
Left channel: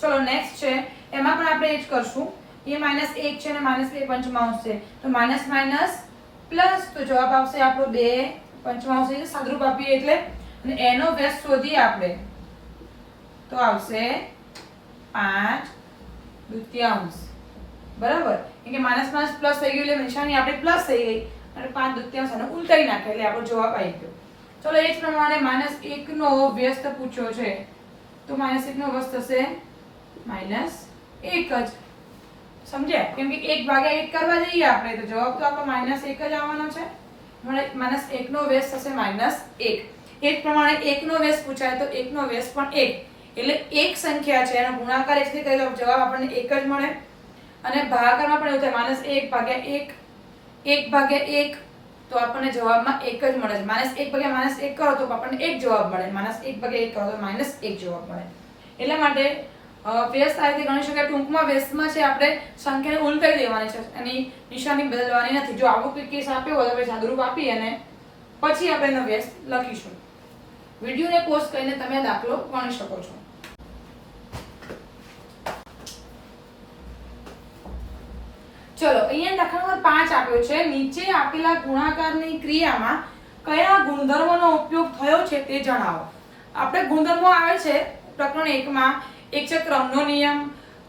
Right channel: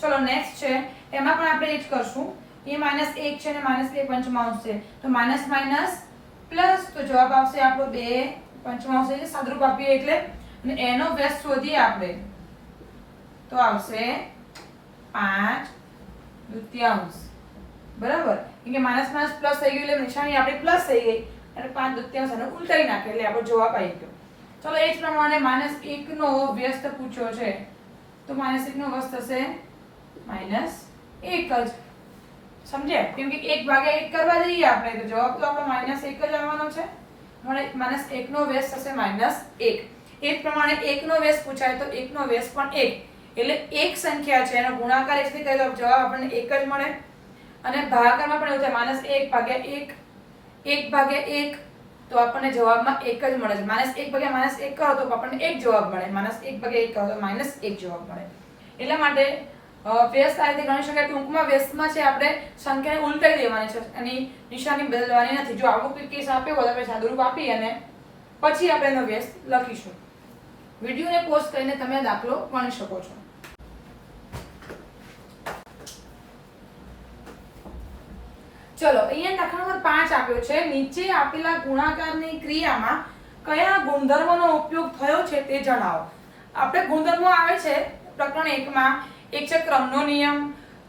ચલો નેક્સ્ટ છે. એમાં પણ આપણે એ જ કરશું. એ -1 છે અને -2/5 છે. તો માઈનસ માઈનસ પ્લસ તો જવાબ આવશે આપણો 2/5 એટલે સાદુરૂપ આપીએ એટલે. અને એનો વ્યસ્ત શોધીએ આપણે તો આવશે 5/2. બરાબર. કે માઈનસ માઈનસ પ્લસ થઈ ગયું એટલે નિશાની આપણી પ્લસ થઈ ગઈ અને 5/2 એને ઉલટાઈ નાખ્યો એટલે આપણો જવાબ આવી ગયો. ચલો એ જ પ્રમાણે -1 નો વ્યસ્ત પૂછ્યો છે તો -1 નો વ્યસ્ત થશે -1 જ. સમજ્યા? કેમ કે 1 ભાગ્યા 1 કરવા જઈએ આપણે તો જવાબ તો આપણો -1 જ આવવાનો છે. એટલે -1 નો વ્યસ્ત થશે -1. એ જ પ્રમાણે 1 નો વ્યસ્ત પૂછાય તો 1 નો વ્યસ્ત પણ 1. એટલે એક સંખ્યા છે એનો ગુણાકાર 1 થી કરીએ તો જવાબ આપણને 1 જ મળે. અને ભાગાકારમાં પણ એવું થાય -1 ભાગ્યા 1 1 ભાગ્યા 1 તો આપણને જવાબમાં 1 જ મળે છે. -1 ભાગ્યા -1 કરો તો આપણને 1 જવાબ મળે. -1 ભાગ્યા 1 કરો તો -1 જવાબ મળે. એટલા માટે વ્યસ્ત આ રીતે ગણી શકાય. ટૂંકમાં વ્યસ્તમાં છે આપણે સંખ્યાને ઉલટાઈ દેવાની છે, એની નિશાની બદલવાની નથી. જો આવો કોઈ કેસ આપ્યો હોય તો આપણે સાદુરૂપ આપી અને પછી આપણે એનો વ્યસ્ત લખીશું. વિડીયોને પોઝ કરીને તમે દાખલો ગણી શકો છો. ચલો, અહીંયા દાખલા નંબર 5 આપ્યો છે. નીચે આપેલા ગુણાકારની ક્રિયામાં કયા ગુણધર્મનો ઉપયોગ થયો છે તે જણાવો. આપણે ગુણધર્મો આવે છે પ્રકરણ 1 માં. એક છે ક્રમનો નિયમ,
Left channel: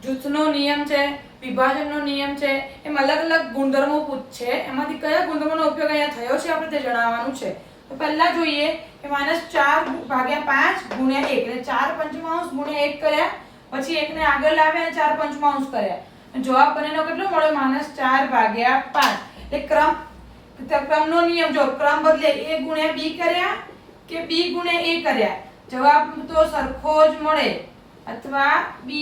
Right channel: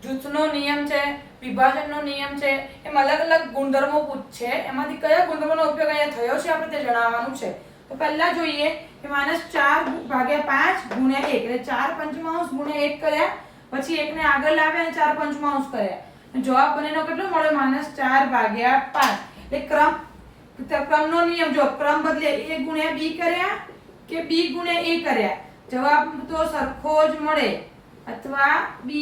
જૂથનો નિયમ છે, વિભાજનનો નિયમ છે. એમ અલગ અલગ ગુણધર્મો પૂછે. એમાંથી કયા ગુણધર્મનો ઉપયોગ અહીંયા થયો છે આપણે તે જણાવવાનું છે. તો પહેલા જોઈએ કે -4 ભાગ્યા 5 ગુણ્યા 1 એટલે 4 પંચમાંશ ગુણ્યા 1 કર્યા. પછી 1 ને આગળ લાવ્યા અને 4 પંચમાંશ કર્યા. જવાબ બનેનો કેટલો મળ્યો? -4 ભાગ્યા 5. એટલે ક્રમનો નિયમ, જો ક્રમ બદલે a ગુણ્યા b કર્યા કે b ગુણ્યા a કર્યા, જવાબ તો સરખો જ મળે, અથવા ba.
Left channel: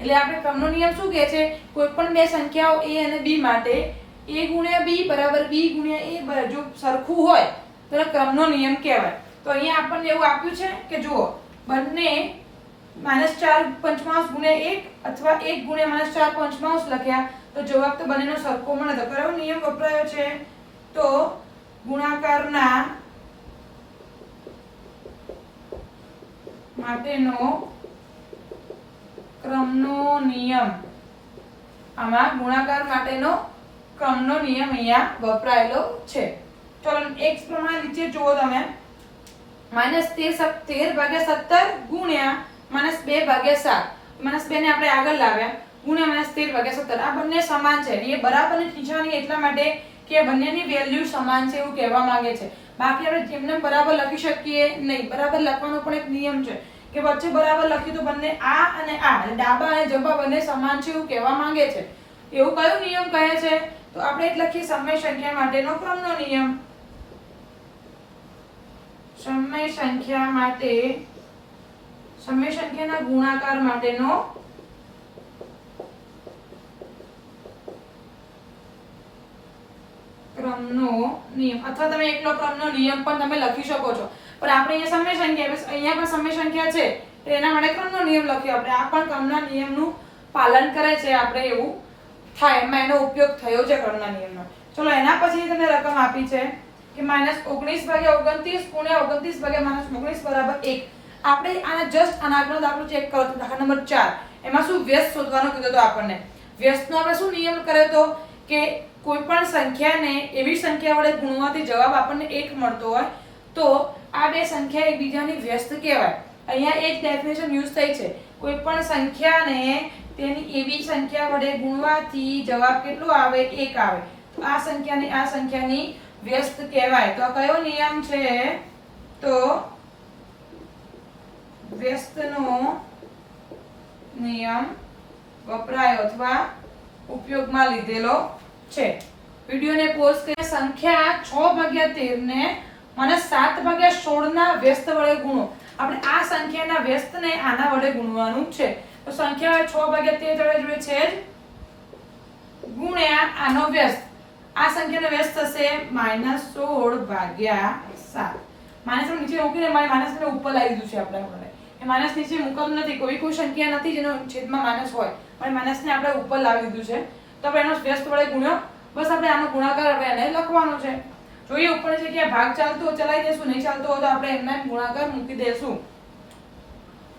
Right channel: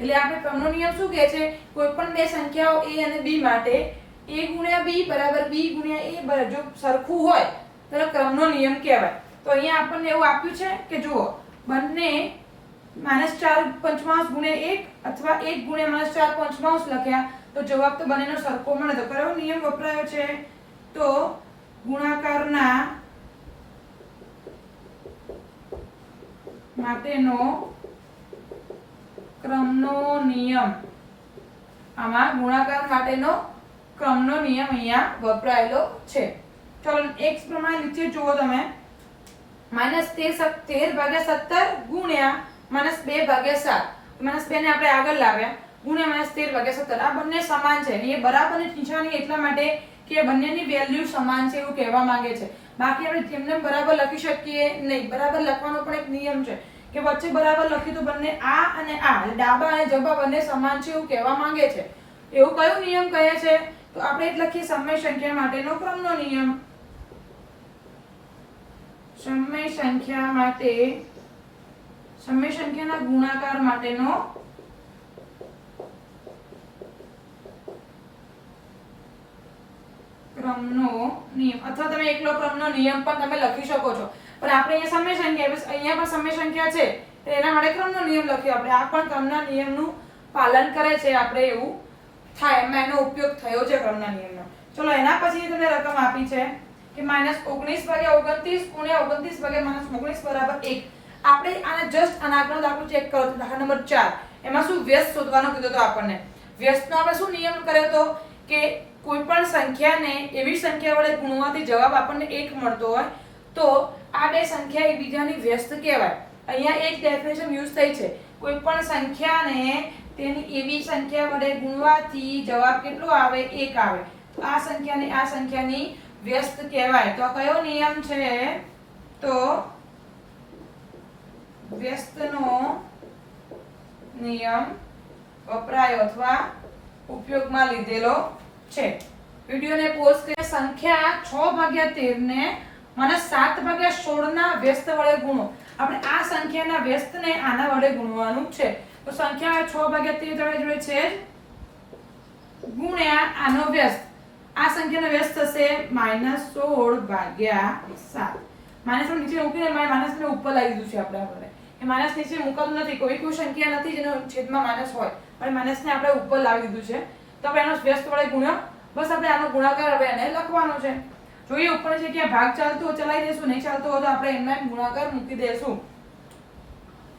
એટલે આપણે ક્રમનો નિયમ શું કહે છે? કોઈ પણ બે સંખ્યાઓ a અને b માટે a ગુણ્યા b બરાબર b ગુણ્યા a જો સરખું હોય તો ક્રમનો નિયમ કહેવાય. તો અહીંયા આપણને એવું આપ્યું છે કે જુઓ, બંને -4 પંચમાંશ ગુણ્યા 1 અથવા 1 ગુણ્યા -4 પંચમાંશ લખ્યા તો જવાબ તો બંનેનો સરખો મળે. તો કયો નિયમ વપરાયો છે? તો ગુણાકારના માટેનો ક્રમનો નિયમ. આમાં ગુણાકાર માટેનો ક્રમનો નિયમ અહીંયા વપરાયેલો છે. ચલો, એક પ્રમાણે નીચે જુઓ તમે. -13 ભાગ્યા 17 ગુણ્યા -2 ભાગ્યા 7. -2 ને આપણે આગળ લાવ્યા ગુણ્યા -13 ભાગ્યા 17. આ બંને સમાન છે. એ બરાબરની નિશાની એટલા માટે કે બંનેની વેલ્યુ સમાન છે એવું કહેવા માંગે છે. બાકી આપણે જેમને બરાબર લખી શકીએ નહીં. બરાબર લખવાનો પણ એક નિયમ છે કે વચ્ચે બરાબર લખ્યું તો બંને આ અને આ, ડાબા અને જબા બંને સમાન છે એવું કહેવા માંગે છે. એવું કયો નિયમ કહે છે? તો આપણે એટલે લખીએ સમય સંખ્યા માટેનો ક્રમનો નિયમ. સમય સંખ્યાના ગુણાકાર માટેનો ક્રમનો નિયમ, અથવા તમે એકલો ક્રમનો નિયમ પણ તમે લખી શકો છો. પણ આપણે અહીંયા સમય સંખ્યા છે તો એના માટે ક્રમનો નિયમ લખ્યો આપણે. આ પણ ક્રમના નિયમનું પાલન કરે છે આપણે એવું થાય, એમાં એનો ઉપયોગ થયો છે ક્રમના નિયમનો. ચલો, એના પછી તમને રકમ આપી છે કે -19 ભાગ્યા 29 ગુણ્યા 29 ભાગ્યા -19 બરાબર 1. આપણે આને જસ્ટ આના આગળનો દાખલો ચેક કરો તો દાખલા નંબર 4 એમાં શું વ્યસ્ત શોધવાનો કીધો તો આપણને. વ્યસ્તનો આપણે શું નિયમ કર્યો તો કે કોઈ પણ સંખ્યાને એવી સંખ્યા વડે ગુણવાથી જવાબ આપણને 1 મળતો હોય તો આ બે સંખ્યા એકબીજાની વ્યસ્ત કહેવાય. અહીંયા એક ડેફિનેશન યુઝ થઈ છે. કોઈ પણ સંખ્યાને તેની એવી સંખ્યા વડે ગુણવાથી જવાબ કેટલો આવે? 1 આવે. તો આ સંખ્યાની વ્યસ્ત કહેવાય. તો આ કયો નિયમ છે? તો વ્યસ્તનો નિયમ વપરાયો અથવા ઉપયોગમાં લીધેલો છે. વિડિયોને પોઝ કરી સંખ્યા 6 ભાગ્યા 13 ને -7 ભાગ્યા 16 ના વ્યસ્ત વડે ગુણો. આપણે આ સંખ્યાના વ્યસ્તને આના વડે ગુણવાનું છે. તો સંખ્યા 6 ભાગ્યા 13 જોડે છે જ ગુણ્યા આનો વ્યસ્ત. આ સંખ્યાનો વ્યસ્ત થશે -16 ભાગ્યા 7. માઈનસ નીચે મૂકીને માઈનસ ને ઉપર લાવી દીધું છે આપણે. એ માઈનસ નીચે મૂકવાનું નથી. કોઈ સંખ્યા નથી જેનો છેદમાં માઈનસ હોય, પણ માઈનસ ને આપણે ઉપર લાવી દીધું છે. તો આપણે એનો વ્યસ્ત વડે ગુણ્યો. બસ આપણે આનો ગુણાકાર હવે એને લખવાનો છે. જોઈએ ઉપરની જગ્યાએ ભાગ ચાલતો હોય ચલાવી દેશું, નહીં ચાલતો હોય તો આપણે એમાં ગુણાકાર મૂકી દેશું.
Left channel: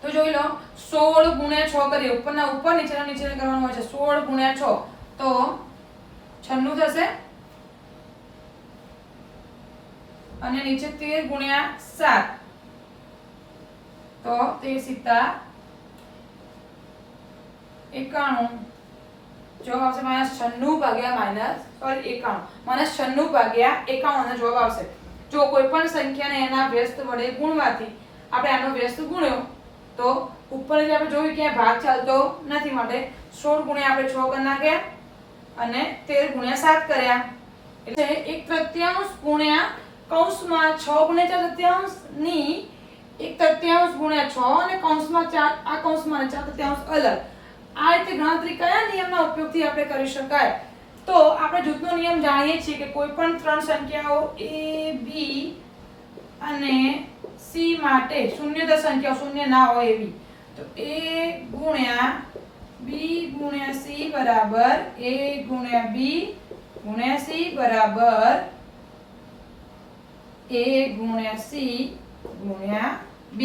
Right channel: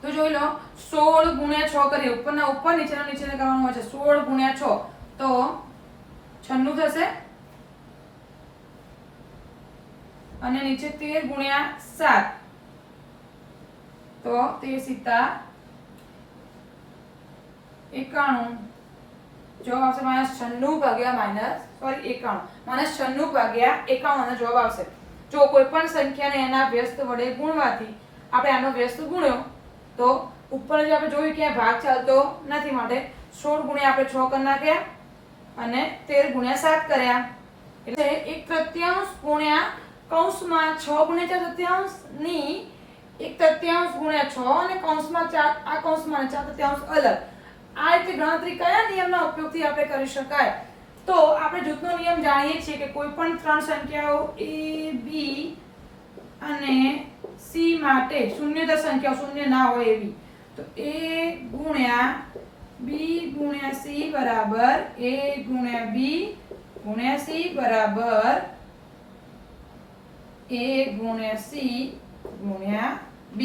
તો જોઈ લો, 16 ગુણ્યા 6 કરીએ. ઉપરના ઉપર, નીચેનો નીચે કરવાનું હોય છે. 16 ગુણ્યા 6 તો 96 થશે. અને નીચે 13 ગુણ્યા 7 તો 13 × 91. જવાબ આવશે -96 ભાગ્યા -91 ભાગ્યા જવાબ આવશે. જો કોઈ પણ સંખ્યાને એના વ્યસ્ત વડે ગુણવાથી આપણે આનો વ્યસ્ત ગુણ્યો તો ઉપર જે આપણે જોયું કે ભાગ ચાલતો નથી, માટે 16 ગુણ્યા આપણે 6 કરી નાખ્યા અને 13 ગુણ્યા 7 કર્યા. એટલે 1/3 ગુણ્યા કૌંસમાં 6 ગુણ્યા 4 તૃતીયાંશ ની 1/3 ગુણ્યા 6 અને કૌંસમાં 4, આ કૌંસમાં 4 તૃતીયાંશ અલગ. આ રીતે ગણતરી કયા નિયમના ઉપયોગથી આપણે કરી શકાય? તો આપણે જૂથનો નિયમ જાણીએ છીએ કે કોઈ પણ ત્રણ સંખ્યાઓ a b અને c માટે શૂન્યતર સંખ્યાઓ શૂન્ય ના હોય એવી तो a गुण्या b गुण्या c बराबर a गुण्या b गुण्या c बराबर a गुण्या c गुण्या b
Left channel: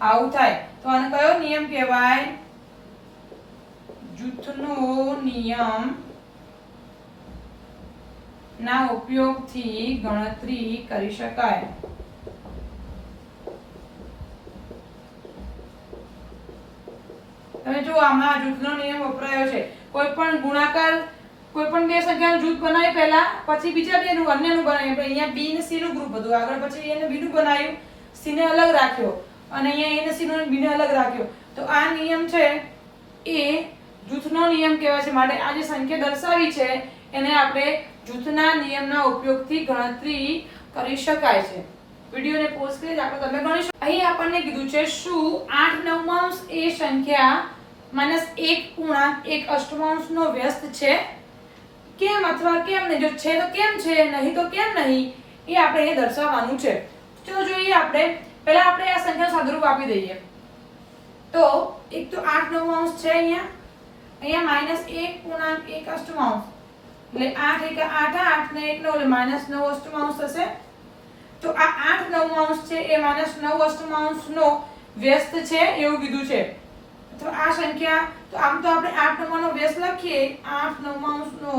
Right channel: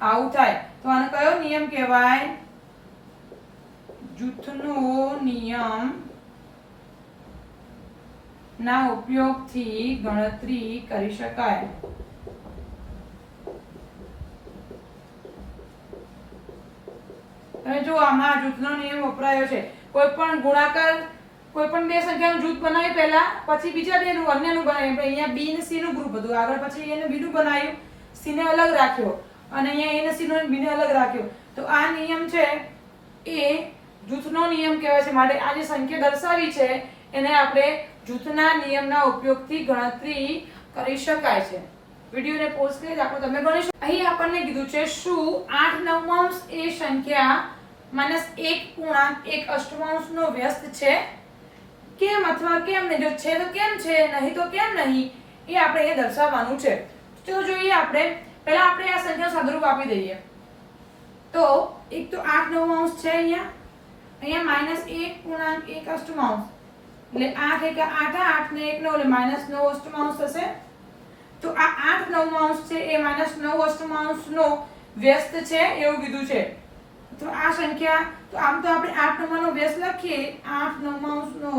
આવું થાય તો આને કયો નિયમ કહેવાય? જૂથનો નિયમ ના ઉપયોગથી ગણતરી કરી શકાય। તમે જો આમાં જૂથનો નિયમ વપરાયો છે। કોઈ પણ ગુણાકાર કોઈ પણ બે સંખ્યાનું જૂથ બનાવી પહેલા પછી બીજા બેનું અન્યનું બનાવ્યું। અહીંયા b ને c નું ગ્રુપ હતું, આગળ પછી એને b નું બનાવ્યું, c ને અલગ રાખ્યો અને અહીંયા a ને c નો b ને અલગ રાખ્યો। તો આ નિયમ છે એ જૂથનો નિયમ કહેવાય છે। માટે આ જે સંખ્યા દર્શાવી છે એને આપણે જૂથના નિયમના ઉપયોગથી ગણતરી કરી શકાય છે। વિડિયોને પોઝ કરી દાખલો તમે ગણી શકો। અહીં આપણને કીધું છે શું 8 નવમાંશ એ સંખ્યા -1 પૂર્ણાંક 1 અષ્ટમાંશનો વ્યસ્ત છે? કેમ અથવા કેમ નહીં? જો છે તો કેમ છે, નહીં તો કેમ નહીં, એ આપણે એ દર્શાવવાનું છે। ચલો જોઈએ આપણે પહેલા આપણે આ સંખ્યાનું સાદુરૂપ આપી દઈએ। તો એક તો 8 નવમાંશ છે, અહીંયા -1 પૂર્ણાંક 1 અષ્ટમાંશ એટલે 8 * 8 8 ને 1 9 એટલે -9 અષ્ટમાંશ થશે। તો આ 8 નવમાંશ છે એ -9 અષ્ટમાંશનો વ્યસ્ત છે એવું કીધું છે। તો આ સંખ્યા તો આમ તો આપણે 8 નવમાંનો વ્યસ્ત લખીએ, 8 નવમાંશનો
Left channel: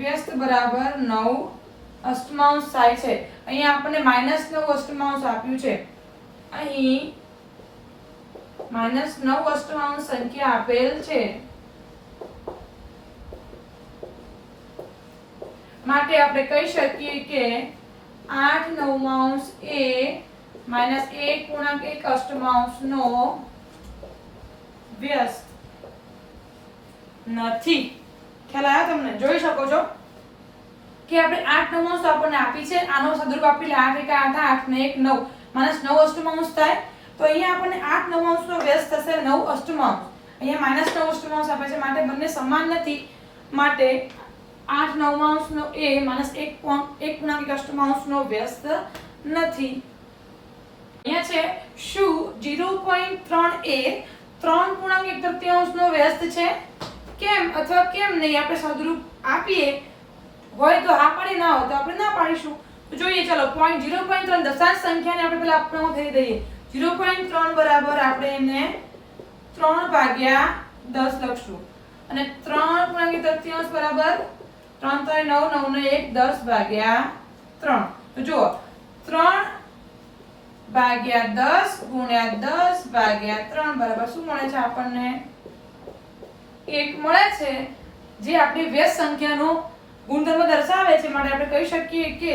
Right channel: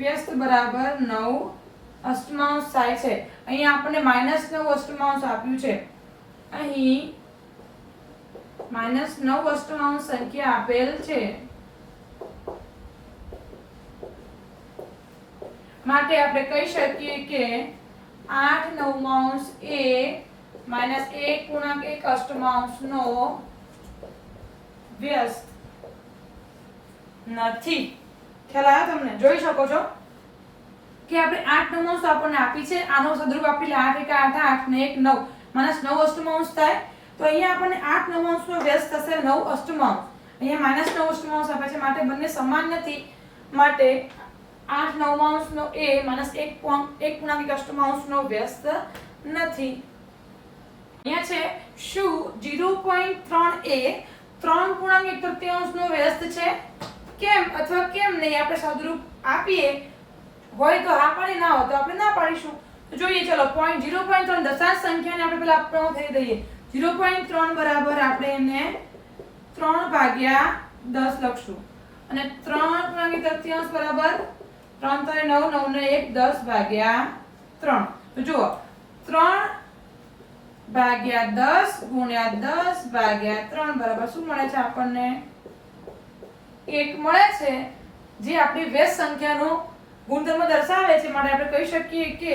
વ્યસ્ત બરાબર 9 અષ્ટમાંશ થાય છે। અહીંયા આપણને -9 અષ્ટમાંશ આપ્યું છે। અહીં -9 અષ્ટમાંશ સંખ્યા આપેલ છે, માટે આપણે કહી શકીએ કે 8 નવમાંશ એ -1 પૂર્ણાંક 1 અષ્ટમાંશનો વ્યસ્ત નથી। ખ્યાલ આવ્યો તમને? જોઈ શકો છો કે આપણે 8 નવમાંશ આપણને આપી છે, આનો સાદુરૂપ આપી 8 * 8 8 ને 1 9 -9 અષ્ટમાંશ થાય। તો અહીંયા આપણને 8 નવમાંશનો વ્યસ્ત થશે 9 અષ્ટમાંશ। અહીંયા -9 અષ્ટમાંશ આપે છે માટે બંને સમાન નથી, માટે 8 નવમાંશનો એ -1 પૂર્ણાંક 1 અષ્ટમાંશનો વ્યસ્ત નથી। અહીંયા છે શું 0.3 એ 3 પૂર્ણાંક 1 તૃતીયાંશનો વ્યસ્ત છે? કેમ અથવા કેમ નહીં આપણે સાદુરૂપ આપીએ, હોય તો હા પાડી, ના હોય તો આપણે ના પાડીશું। તો જોઈએ ચલો 0.3 દશાંશ સંખ્યાને આપણે પહેલા આપણો થઈ દઈએ। 0.3 બરાબર આપણે એને 3/10 લખશું અને 3 પૂર્ણાંક 1 તૃતીયાંશ બરાબર 3 * 9 9 ને 1 10/3। તો જુઓ 3/10 ગુણ્યા 10/3 બરાબર શું મળે છે આપણને? 1 મળે છે, જે આપણી વ્યસ્ત સંખ્યાનો ગુણધર્મ દર્શાવે છે। માટે આપણે કહી શકીએ કે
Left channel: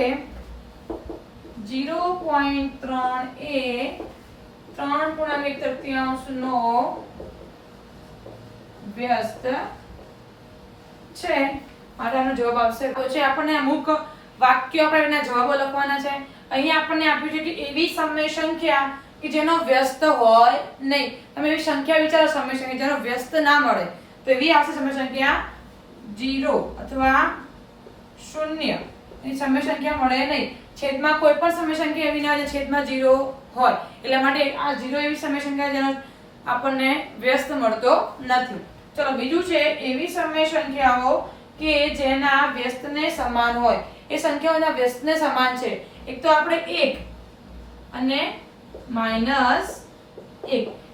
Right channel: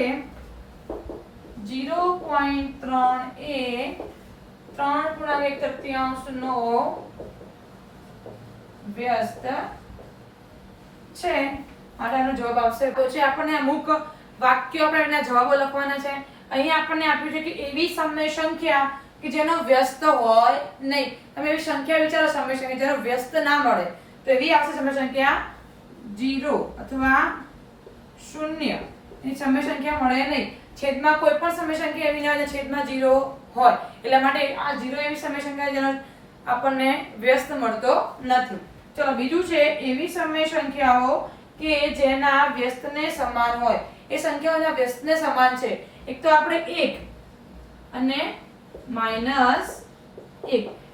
0.3 એ 3 પૂર્ણાંક 1 તૃતીયાંશનો વ્યસ્ત છે। માટે આનો જવાબ આવશે તો છે આપણને અમુક વાક્યો આપણે એના જવાબો લખવાના છે। અહીંયા આપણને આપ્યું છે કે એવી સમય સંખ્યા કે જેનો વ્યસ્ત હોય નહીં। તમે એવી સંખ્યા વિચારો સમય સંખ્યા જેનો વ્યસ્ત ના મળે, તો એવી આવશે સમય સંખ્યા 0 અથવા 0 એની સમય સંખ્યા મળે નહીં। છેદમાં કોઈ પણ સમય સંખ્યા એવી ના હોય છેદમાં 0 હોય, એટલા માટે આ 0 એવી સમય સંખ્યા જેનો આપણને વ્યસ્ત મળતો નથી। ચલો બીજું છે એવી સમય સંખ્યાઓ કે જેના વ્યસ્તને સમાન હોય। એ સંખ્યાઓના વ્યસ્તને સમાન છે। એક તો આપણે 1 અને -1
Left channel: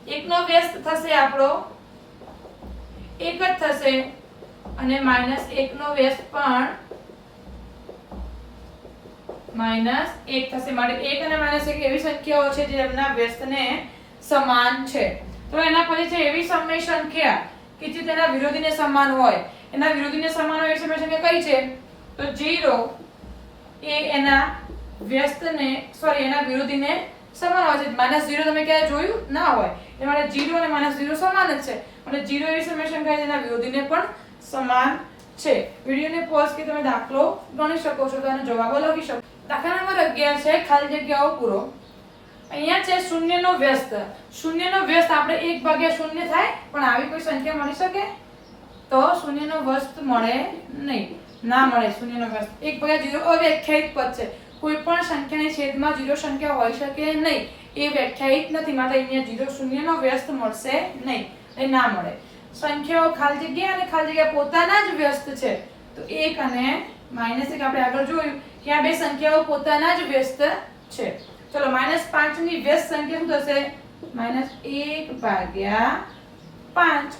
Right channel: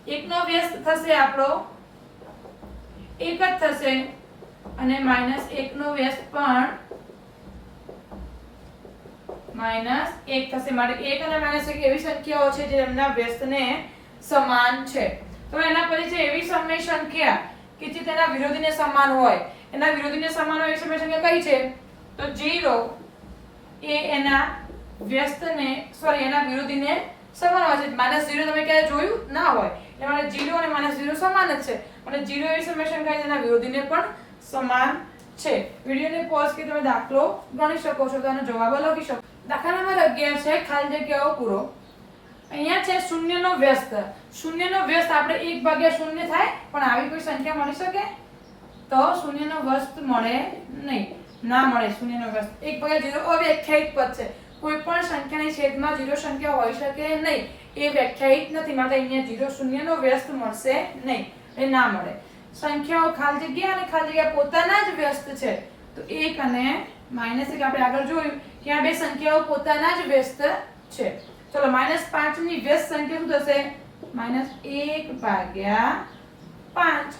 એકનો વ્યસ્ત થશે આપણો 1 જ થશે અને -1 નો વ્યસ્ત પણ -1 થશે। માટે 1 અને -1 એવી સંખ્યાઓ છે જેમના વ્યસ્તને સમાન છે। તો એના પછી છે એવી સમય સંખ્યા કે જે તેના વિરોધીને સમાન હોય। એના વિરોધીને સમાન હોય એ સમય સંખ્યા કઈ છે? તો 0 એ એના વ્યસ્તને એના વિરોધીને સમાન હોય છે। -0 તમે ક્યારે જોયું ના હોય, એટલે માટે 0 અને -0 સમાન જ છે। અને 0 એવી સમય સંખ્યા જેના વિરોધીને પણ સમાન છે। વિડિયોને પોઝ કરી તમે દાખલો ગણી શકો છો, તો આનો જવાબ લખી શકો। દાખલા નંબર 11 છે ખાલી જગ્યાઓ પૂરો। અહીંયા છે 0 નો વ્યસ્ત। 0 નો વ્યસ્ત આપણે 1/0 થાય, પણ આવી કોઈ સંખ્યા મળી શકે? તો 0 નો વ્યસ્ત મળે નહીં, ના મળે। 0 નો વ્યસ્ત 1/0 અવ્યાખ્યાયિત પદ છે। કોઈ પણ સંખ્યાની છેદમાં 0 સંખ્યા હોઈ શકે નહીં, એ વ્યાખ્યાયિત નથી, માટે અહીંયા 0 શૂન્યનો વ્યસ્ત મળશે નહીં, એ ના મળે. સંખ્યાઓ ખાલી જગ્યા અને ખાલી જગ્યા પોતાના જ વ્યસ્ત છે, તો 1 અને -1 આપણે આગળ જોયું કે આ બે સંખ્યાઓ પોતાના જ વ્યસ્ત છે. ચલો -5 ની વ્યસ્ત સંખ્યા શું થશે? -1/5.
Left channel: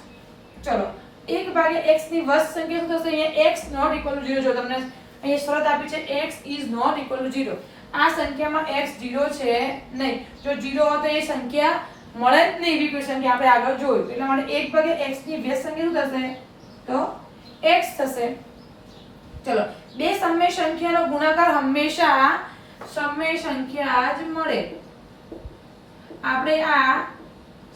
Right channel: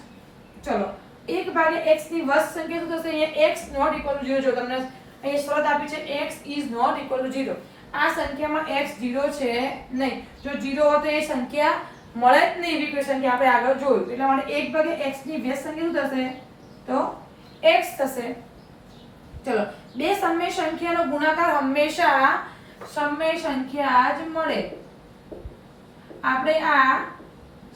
ચલો 1/x ની વ્યસ્ત સંખ્યા શું થશે? અહીંયા x નોટ ઇક્વલ ટુ 0. જો તમને અહીં શરત આપી છે x is not equal to 0. આ સંખ્યામાં x 0 છે નહીં. જો 0 હોય તો એ સંખ્યા મળે જ નહીં, એવી કોઈ સંખ્યા આપણે આગળ જોયું. એટલે માટે 1/x ની વ્યસ્ત સંખ્યા શું થશે? તો x થશે. ચલો બે સમય સંખ્યાનો ગુણાકાર હંમેશા સમય સંખ્યા જ મળે. આપણે આ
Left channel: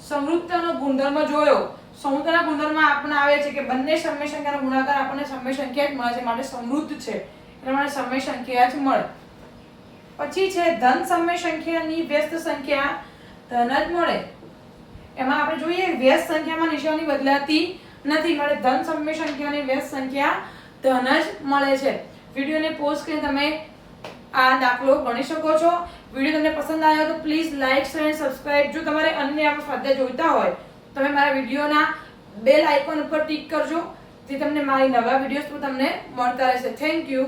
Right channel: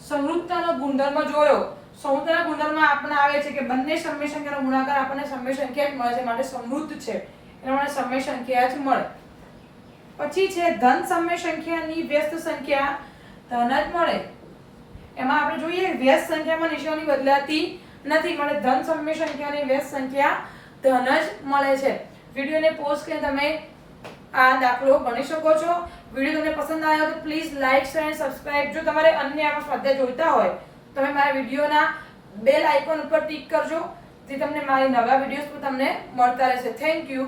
સમરૂપતાનો ગુણધર્મ જોયો. સમરૂપતાના ગુણધર્મમાં આપણને આવે છે કે બંને સમય સંખ્યાનો ગુણાકાર આપણને સમય સંખ્યા જ મળે છે, માટે સમૃદ્ધ છે, એટલે માટે સમય સંખ્યા જ મળે. પછી છે ધન સમય સંખ્યાની વ્યસ્ત સંખ્યા ધન જ મળે. એમાં આપણે જોઈએ વ્યસ્ત સંખ્યામાં નિશાની બદલાતી નથી, એટલે ધન સમય સંખ્યાની વ્યસ્ત સંખ્યા ધન જ મળે છે. વિડિયોને પોઝ કરીને તમે આ દાખલો ગણી શકો છો. વિડિયો તમને પસંદ આવ્યો તો પ્લીઝ લાઈક, શેર અને સબસ્ક્રાઇબ. જો તમારે અન્ય આપણા સ્વાધ્યાય જોઈતા હોય તમે મારા વિડિયોના બેલ આઇકોન ઉપર ટિક કરજો, જે તમને મારી નવા વિડિયોઝ તમને મળતા રહેશે. Thank you.